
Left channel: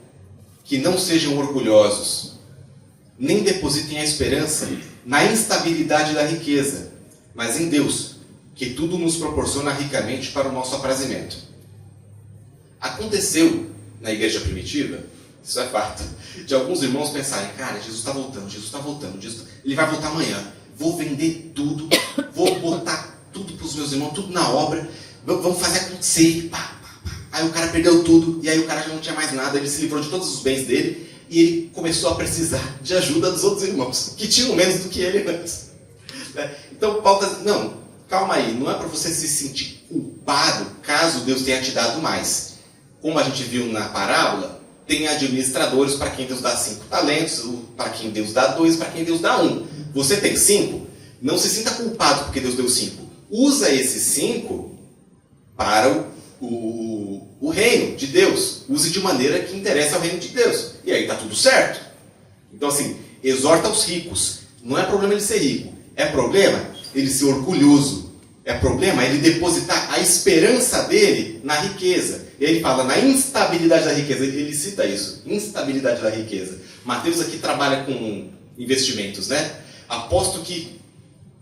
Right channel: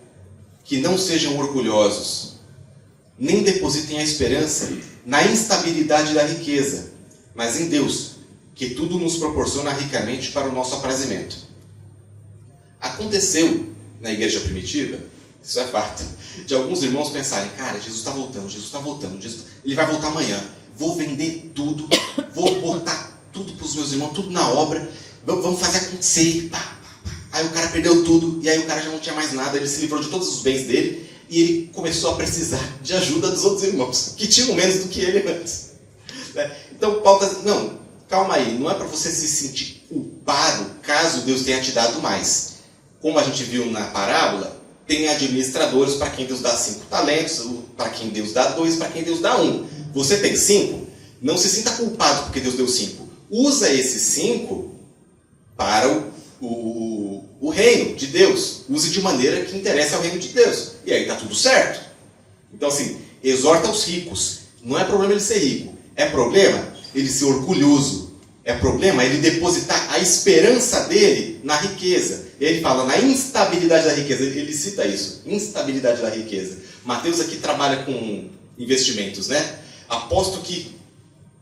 que não sejam orgulhosos, nem depositem a esperança na instabilidade da riqueza, mas em Deus, que tudo nos proporciona ricamente para o nosso aprazimento. Aconteceu na igreja primitiva, isso é fato, de alguns irmãos pensarem: cara, Jesus está voltando, ele vai voltar amanhã, vou vender tudo, vou botar tudo para os meus irmãos, tudo na obra, vamos fazer acontecer. Aí o cara perdeu tudo, e aí o cara já não tinha mais nada, ele se livrou de todos os bens dele, e ele começou a precisar de ajuda dos outros irmãos, que tinham menos do que ele antes. Então Paulo está dizendo: não, calma aí, não é para você se sentir culpado caso Deus tenha te dado mais. Como a gente viu na parábola, tem administradores para quem Deus dá 5 talentos, para quem Deus dá 2, para quem Deus dá 1. Você tem 5, não se sinta culpado porque Deus deu 5. Usa esses 5 para o reino de Deus. Use de maneira que interesse ao reino de Deus. E aí está tudo certo. Então assim, exorta os ricos. Não é problema ele ser rico. É problema ele ser orgulhoso. É problema ele depositar a esperança dele na riqueza. Ele fala na instabilidade da riqueza. Ele cita isso. Instabilidade da riqueza. Mateus aqui trabalha com investimentos, né? Aposto que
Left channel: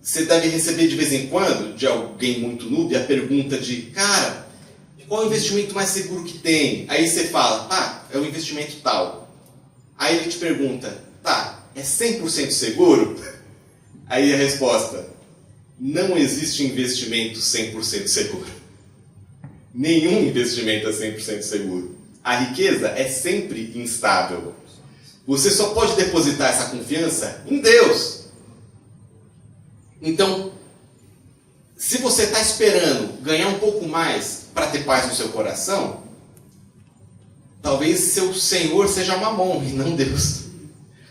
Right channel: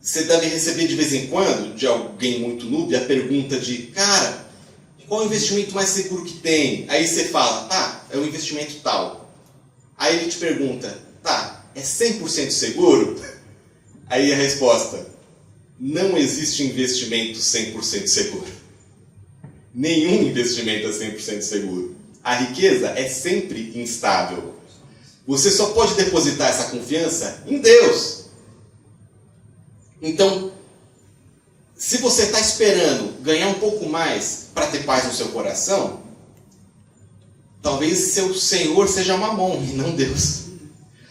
você deve receber de vez em quando, de alguém muito noob, a pergunta de: cara, qual é o investimento mais seguro que tem? Aí você fala: é o investimento tal. Aí ele te pergunta: é 100% seguro? Aí a resposta: não existe investimento 100% seguro. Nenhum investimento é 100% seguro. A riqueza é sempre instável. Você só pode depositar essa confiança em Deus. Então, se você está esperando ganhar um pouco mais para ter paz no seu coração, talvez seu Senhor seja Mamon e não Deus.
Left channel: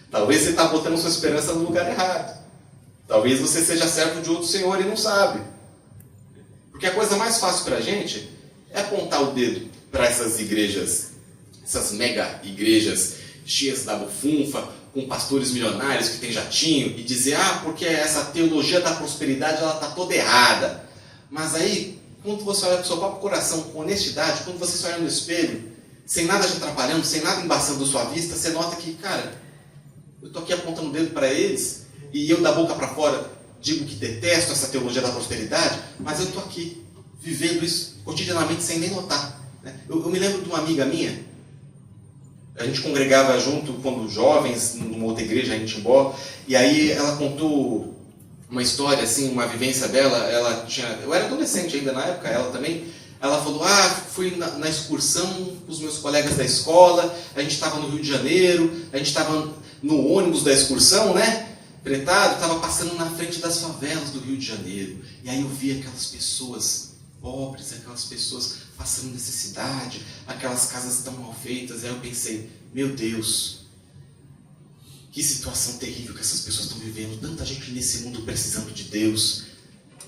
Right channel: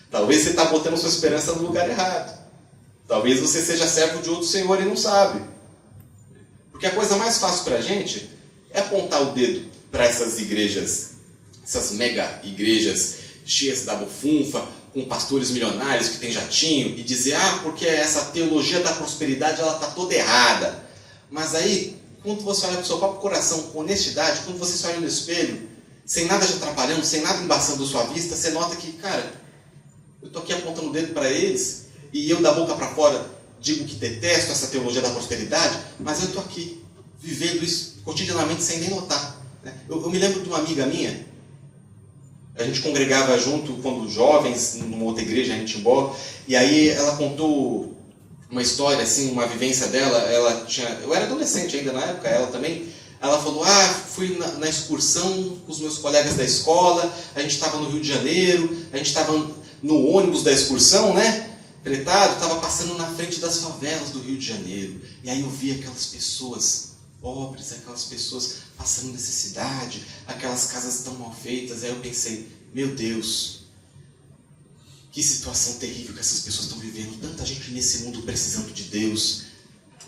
Talvez você está botando sua esperança no lugar errado. Talvez você seja servo de outro Senhor e não sabe. Porque a coisa mais fácil para a gente é apontar o dedo para essas igrejas, essas mega igrejas cheias da bufunfa, com pastores milionários que tem jatinho, e dizer, porque essa teologia da prosperidade ela está toda errada. Mas aí, quando você olha para o seu próprio coração com honestidade, quando você se olha no espelho, sem nada te atrapalhando, sem nada embaçando sua vista, você nota que, cara, eu estou aqui apontando o dedo para eles, e eu da boca para fora digo que detesto essa teologia da prosperidade, mas eu estou aqui, vivendo isso cotidianamente sem nem notar. Eu me lembro de uma amiga minha, a gente congregava junto quando jovens, numa outra igreja em Timbó, e aí ela contou uma história, assim, uma vivência dela. Eu era adolescente ainda na época, ela também. Ela falou, fui na excursão com os meus colegas da escola, a gente estava no Rio de Janeiro, a gente estava no ônibus da excursão, né? Pretado, estava passando na frente das favelas do Rio de Janeiro, e aí eu vi aquelas pessoas pobres, aquelas pessoas passando necessidade, aquelas casas tão mal feitas. Aí eu pensei, meu Deus, que situação terrível que essas pessoas estão vivendo, tanta gente nesse mundo precisando de Deus.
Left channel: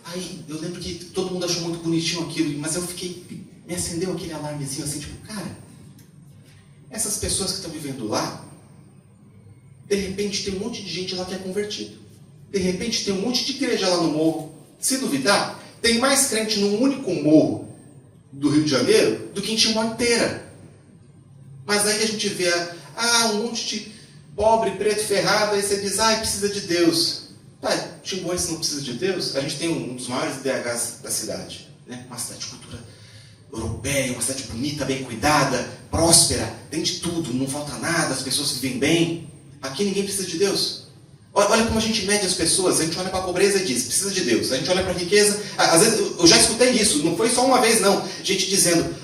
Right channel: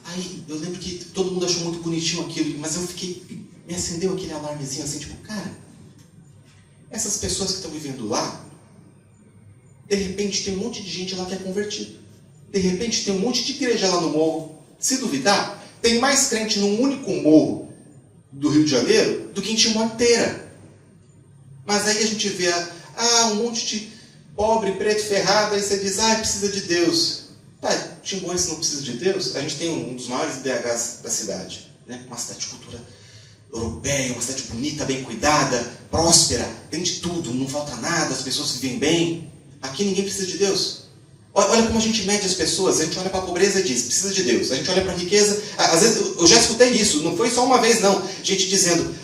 Aí eu lembro que todo mundo achou muito bonitinho aquilo, mas me acendeu aquele alarmezinho assim, tipo, cara, essas pessoas que estão vivendo lá, de repente tem um monte de gente lá que é convertido. De repente tem um monte de igreja lá no morro. Se duvidar, tem mais crente num único morro do Rio de Janeiro do que em Timbó inteira. Mas aí a gente vê um monte de pobre, preto, ferrado, aí você diz, precisa de Deus. Timboense não precisa de Deus? A gente tem um dos maiores BHs da cidade, né? Uma cidade de cultura europeia, uma cidade bonita, bem cuidada, próspera, tem de tudo, não falta nada, as pessoas vivem bem. Aqui ninguém precisa de Deus. Olha como a gente mede as pessoas. A gente olha para a pobreza e diz, precisa de Deus. A gente olha para a riqueza. Às vezes, eu já escutei isso, não foi só uma vez não. Gente dizendo,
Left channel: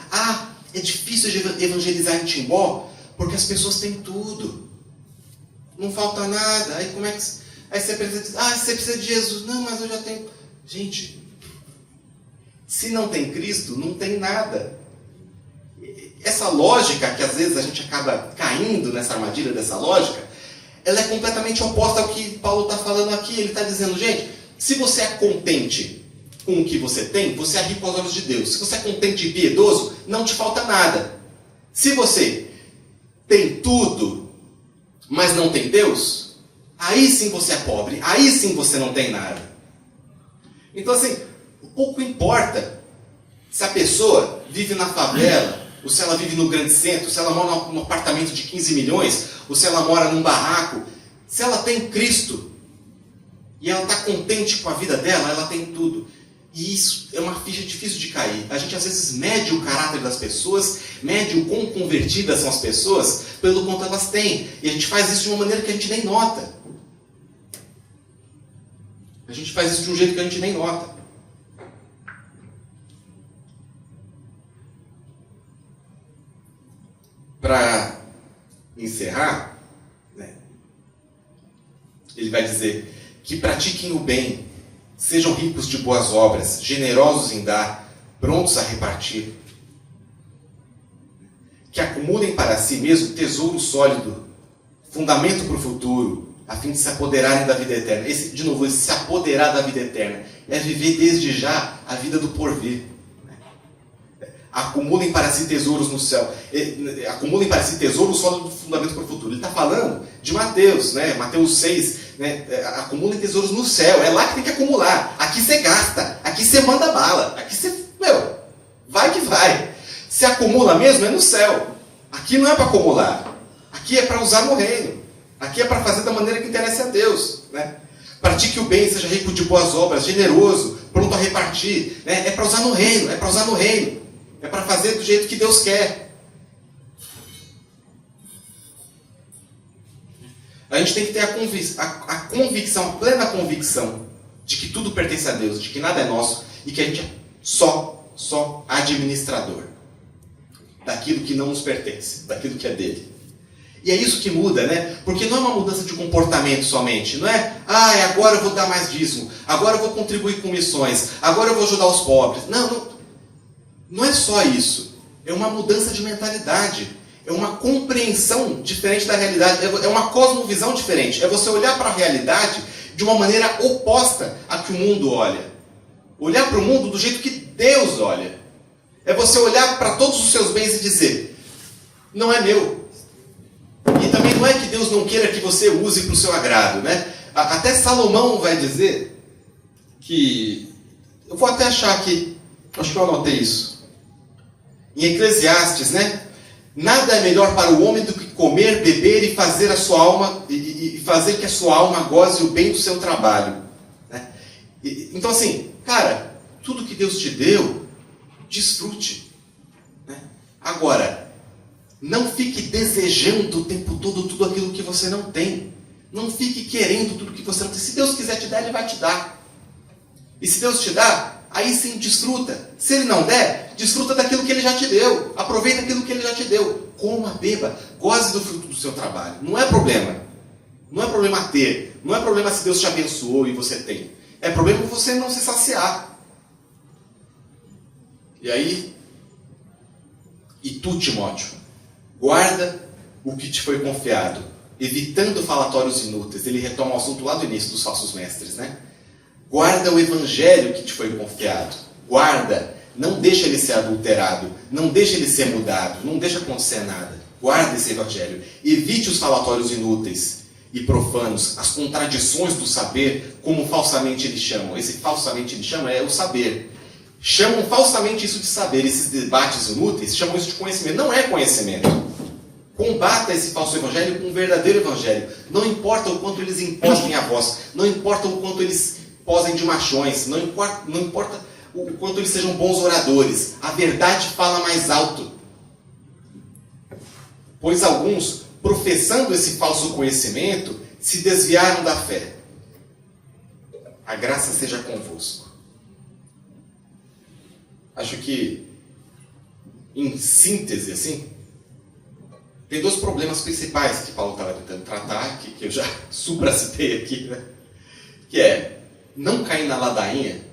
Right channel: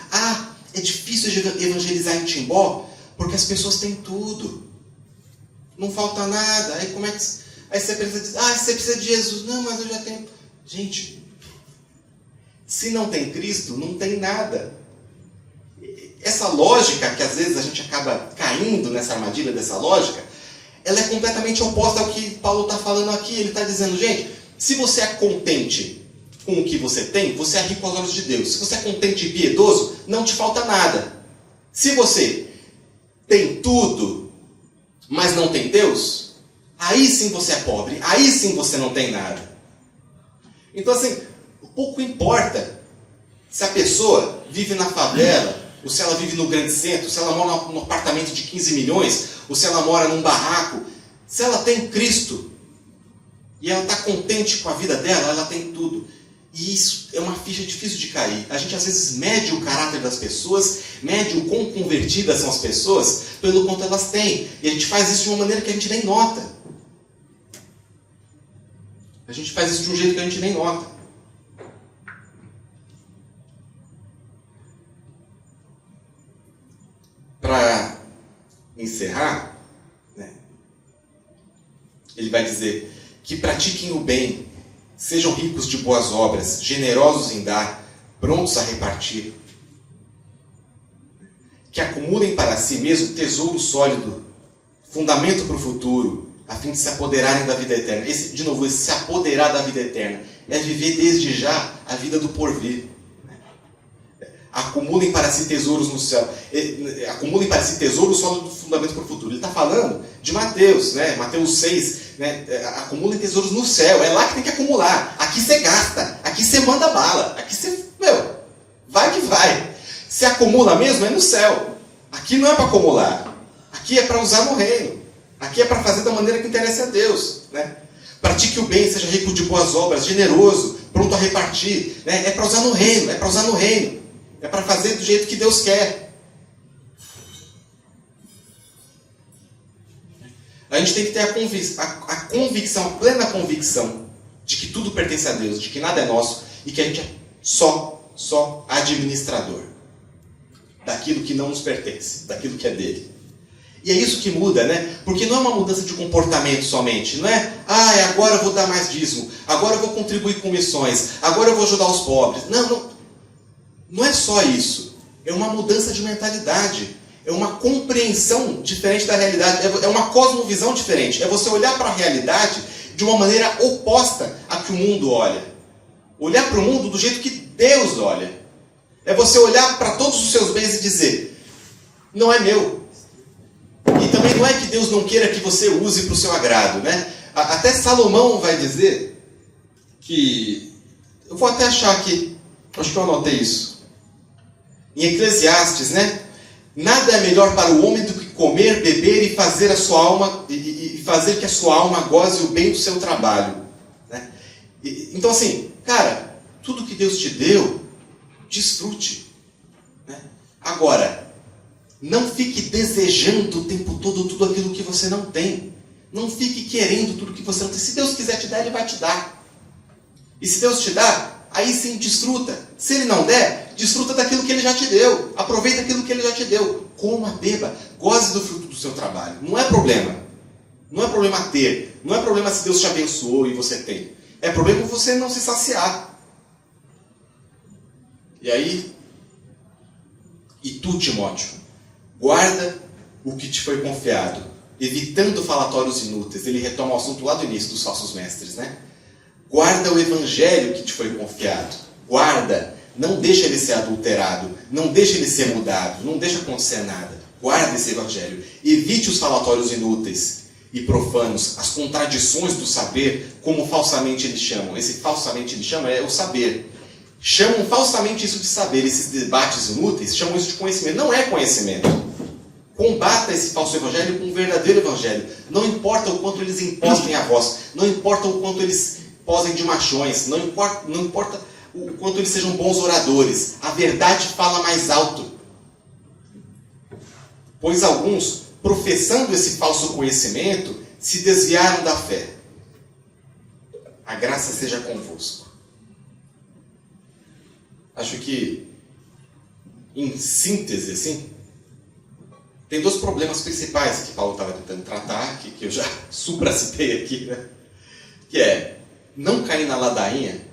é difícil de evangelizar em Timbó, porque as pessoas têm tudo. Não falta nada. Aí como é que... Aí você diz, você precisa de Jesus. Não, mas eu já tenho... Gente, se não tem Cristo, não tem nada. Essa lógica, que às vezes a gente acaba caindo nessa armadilha dessa lógica, ela é completamente oposta ao que Paulo está falando aqui. Ele está dizendo, gente, se você é contente com o que você tem, você é rico aos olhos de Deus. Se você é contente e piedoso, não te falta nada. Se você tem tudo, mas não tem Deus, aí sim você é pobre, aí sim você não tem nada. Então assim, pouco importa se a pessoa vive na favela, ou se ela vive no grande centro, se ela mora num apartamento de 15 milhões, ou se ela mora num barraco. Se ela tem Cristo, e ela está contente com a vida dela, ela tem tudo. E isso é uma ficha difícil de cair. A gente às vezes mede o caráter das pessoas, mede o quão convertidas são as pessoas, pelo quanto elas têm. E a gente faz isso de uma maneira que a gente nem nota. A gente faz isso de um jeito que a gente nem nota. Para encerrar, ele vai dizer que pratiquem o bem, sejam ricos de boas obras, generosos em dar, prontos a repartir, que acumulem para si mesmo tesouro sólido, fundamento para o futuro, a fim de se apoderarem da vida eterna. Esse se apoderar da vida eterna é viver desde já a vida do porvir. Acumulem para si tesouros no céu. Acumulem para si tesouros sólido, fundamento para o futuro. Ele está falando de Mateus, Mateus 6, acumulem tesouros no céu. É lá que tem que acumular. Aqui você gasta, aqui você manda bala, aqui você, vai que vai. Se acumula mesmo, é no céu. Aqui não é para acumular. Aqui é para usar no reino. Aqui é para fazer da maneira que interessa a Deus. Pratique o bem, seja rico de boas obras, generoso, pronto a repartir. É para usar no reino, é para usar no reino. É para fazer do jeito que Deus quer. A gente tem que ter a convicção, a plena convicção de que tudo pertence a Deus, de que nada é nosso e que a gente é só administrador daquilo que não nos pertence, daquilo que é dele. E é isso que muda, né? Porque não é uma mudança de comportamento somente. Não é, agora eu vou dar mais dízimo, agora eu vou contribuir com missões, agora eu vou ajudar os pobres. Não é só isso. É uma mudança de mentalidade. É uma compreensão diferente da realidade. É uma cosmovisão diferente. É você olhar para a realidade de uma maneira oposta à que o mundo olha. Olhar para o mundo do jeito que Deus olha. É você olhar para todos os seus bens e dizer, não é meu. E também não é que Deus não queira que você use para o seu agrado, né? Até Salomão vai dizer que... Eu vou até achar aqui, acho que eu anotei isso. Em Eclesiastes, né? Nada é melhor para o homem do que comer, beber e fazer a sua alma e fazer que a sua alma goze o bem do seu trabalho, né? Então assim, cara, tudo que Deus te deu, desfrute, né? Agora, não fique desejando o tempo todo tudo aquilo que você não tem. Não fique querendo tudo que você não tem. Se Deus quiser te dar, Ele vai te dar. E se Deus te dá, aí sim desfruta. Se Ele não der, desfruta daquilo que Ele já te deu. Aproveita aquilo que Ele já te deu. Coma, beba, goze do fruto do seu trabalho. Não é problema. Não é problema ter. Não é problema se Deus te abençoou e você tem. É problema você não se saciar. E aí, e tu, Timóteo, guarda o que te foi confiado, evitando falatórios inúteis. Ele retoma o assunto lá do início dos falsos mestres, né? Guarda o evangelho que te foi confiado. Guarda. Não deixa ele ser adulterado. Não deixa ele ser mudado. Não deixa acontecer nada. Guarda esse evangelho. Evite os falatórios inúteis e profanos, as contradições do saber, como falsamente eles chamam. Esse falsamente eles chamam é o saber. Chamam falsamente isso de saber. Esses debates inúteis chamam isso de conhecimento. Não é conhecimento. Combata esse falso evangelho com um verdadeiro evangelho. Não importa o quanto eles impostem a voz. Não importa o quanto eles posem de machões. Não importa o quanto eles sejam bons oradores. A verdade fala mais alto. Pois alguns, professando esse falso conhecimento, se desviaram da fé. A graça seja convosco. Acho que, em síntese, assim, tem dois problemas principais que Paulo estava tentando tratar, que eu já supracitei aqui, né? Que é não cair na ladainha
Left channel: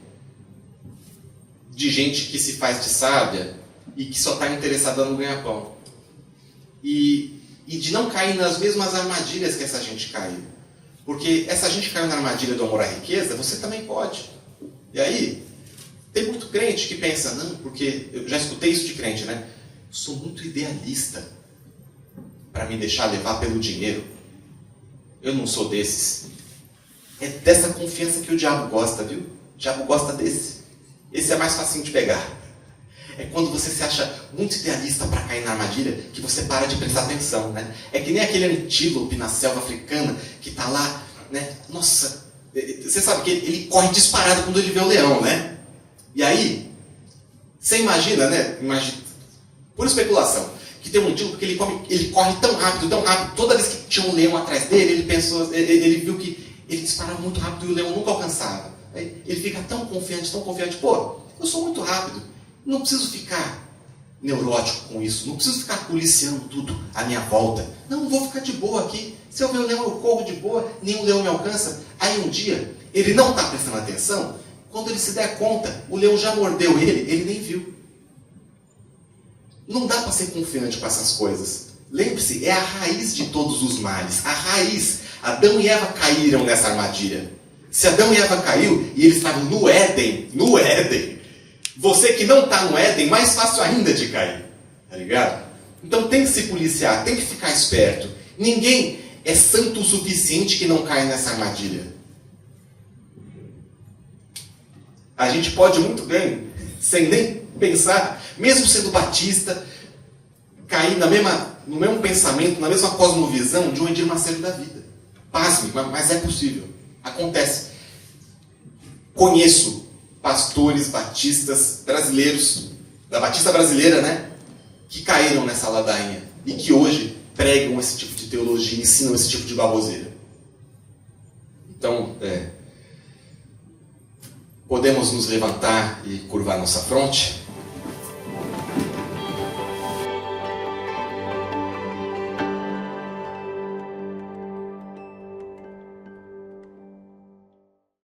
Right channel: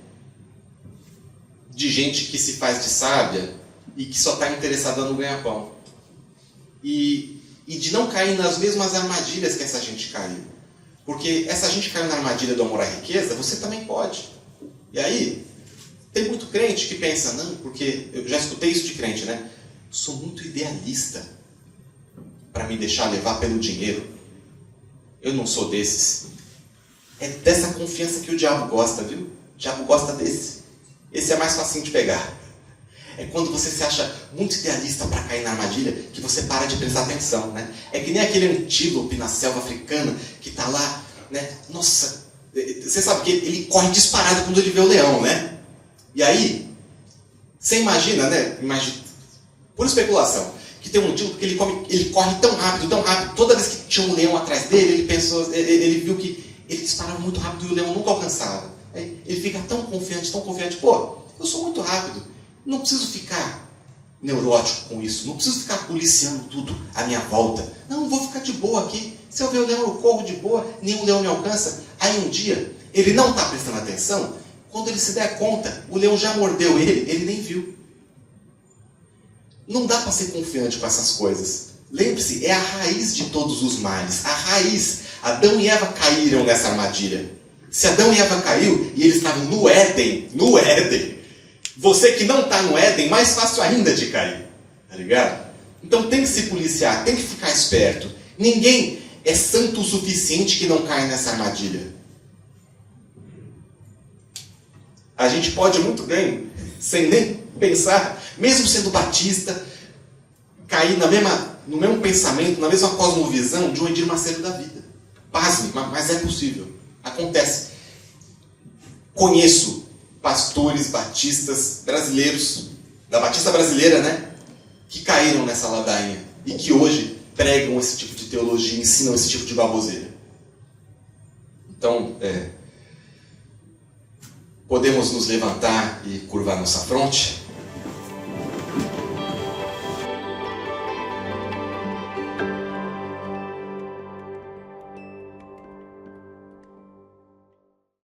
de gente que se faz de sábia e que só está interessada no ganha-pão. E de não cair nas mesmas armadilhas que essa gente caiu. Porque essa gente caiu na armadilha do amor à riqueza, você também pode. E aí, tem muito crente que pensa, não, porque eu já escutei isso de crente, né? Sou muito idealista para me deixar levar pelo dinheiro. Eu não sou desses. É dessa confiança que o diabo gosta, viu? O diabo gosta desse. Esse é mais facinho de pegar. É quando você se acha muito idealista para cair na armadilha que você para de prestar atenção, né? É que nem aquele antílope na selva africana que está lá, né? Nossa, você sabe que ele corre disparado quando ele vê o leão, né? E aí, você imagina, né? Por especulação, que tem um antílope que ele corre tão rápido, toda vez que tinha um leão atrás dele, ele viu que ele disparava muito rápido e o leão nunca alcançava. Aí ele fica tão confiante, pô, eu sou muito rápido, não preciso ficar neurótico com isso, não preciso ficar policiando tudo à minha volta. Não, vou ficar de boa aqui, se eu ver o leão eu corro de boa, nenhum leão me alcança. Aí um dia, ele não está prestando atenção, quando ele se der conta, o leão já mordeu ele nem viu. Não dá para ser confiante com essas coisas. Lembre-se, é a raiz de todos os males. A raiz. Adão e Eva caíram nessa armadilha. Se Adão e Eva caiu e eles estavam no Éden, você que não está no Éden, mais fácil ainda de cair. Tá ligado? Então tem que se policiar, tem que ficar esperto. Ninguém é santo o suficiente que não caia nessa armadilha. A gente pode muito bem, sem nem pensar, mesmo sendo batista, cair no mesmo pensamento, na mesma cosmovisão de um Edir Macedo da vida. Pasme, mas é possível. Acontece. Conheço pastores batistas brasileiros, da Batista brasileira, né? Que caíram nessa ladainha e que hoje pregam esse tipo de teologia, ensinam esse tipo de baboseira. Então, podemos nos levantar e curvar nossa fronte?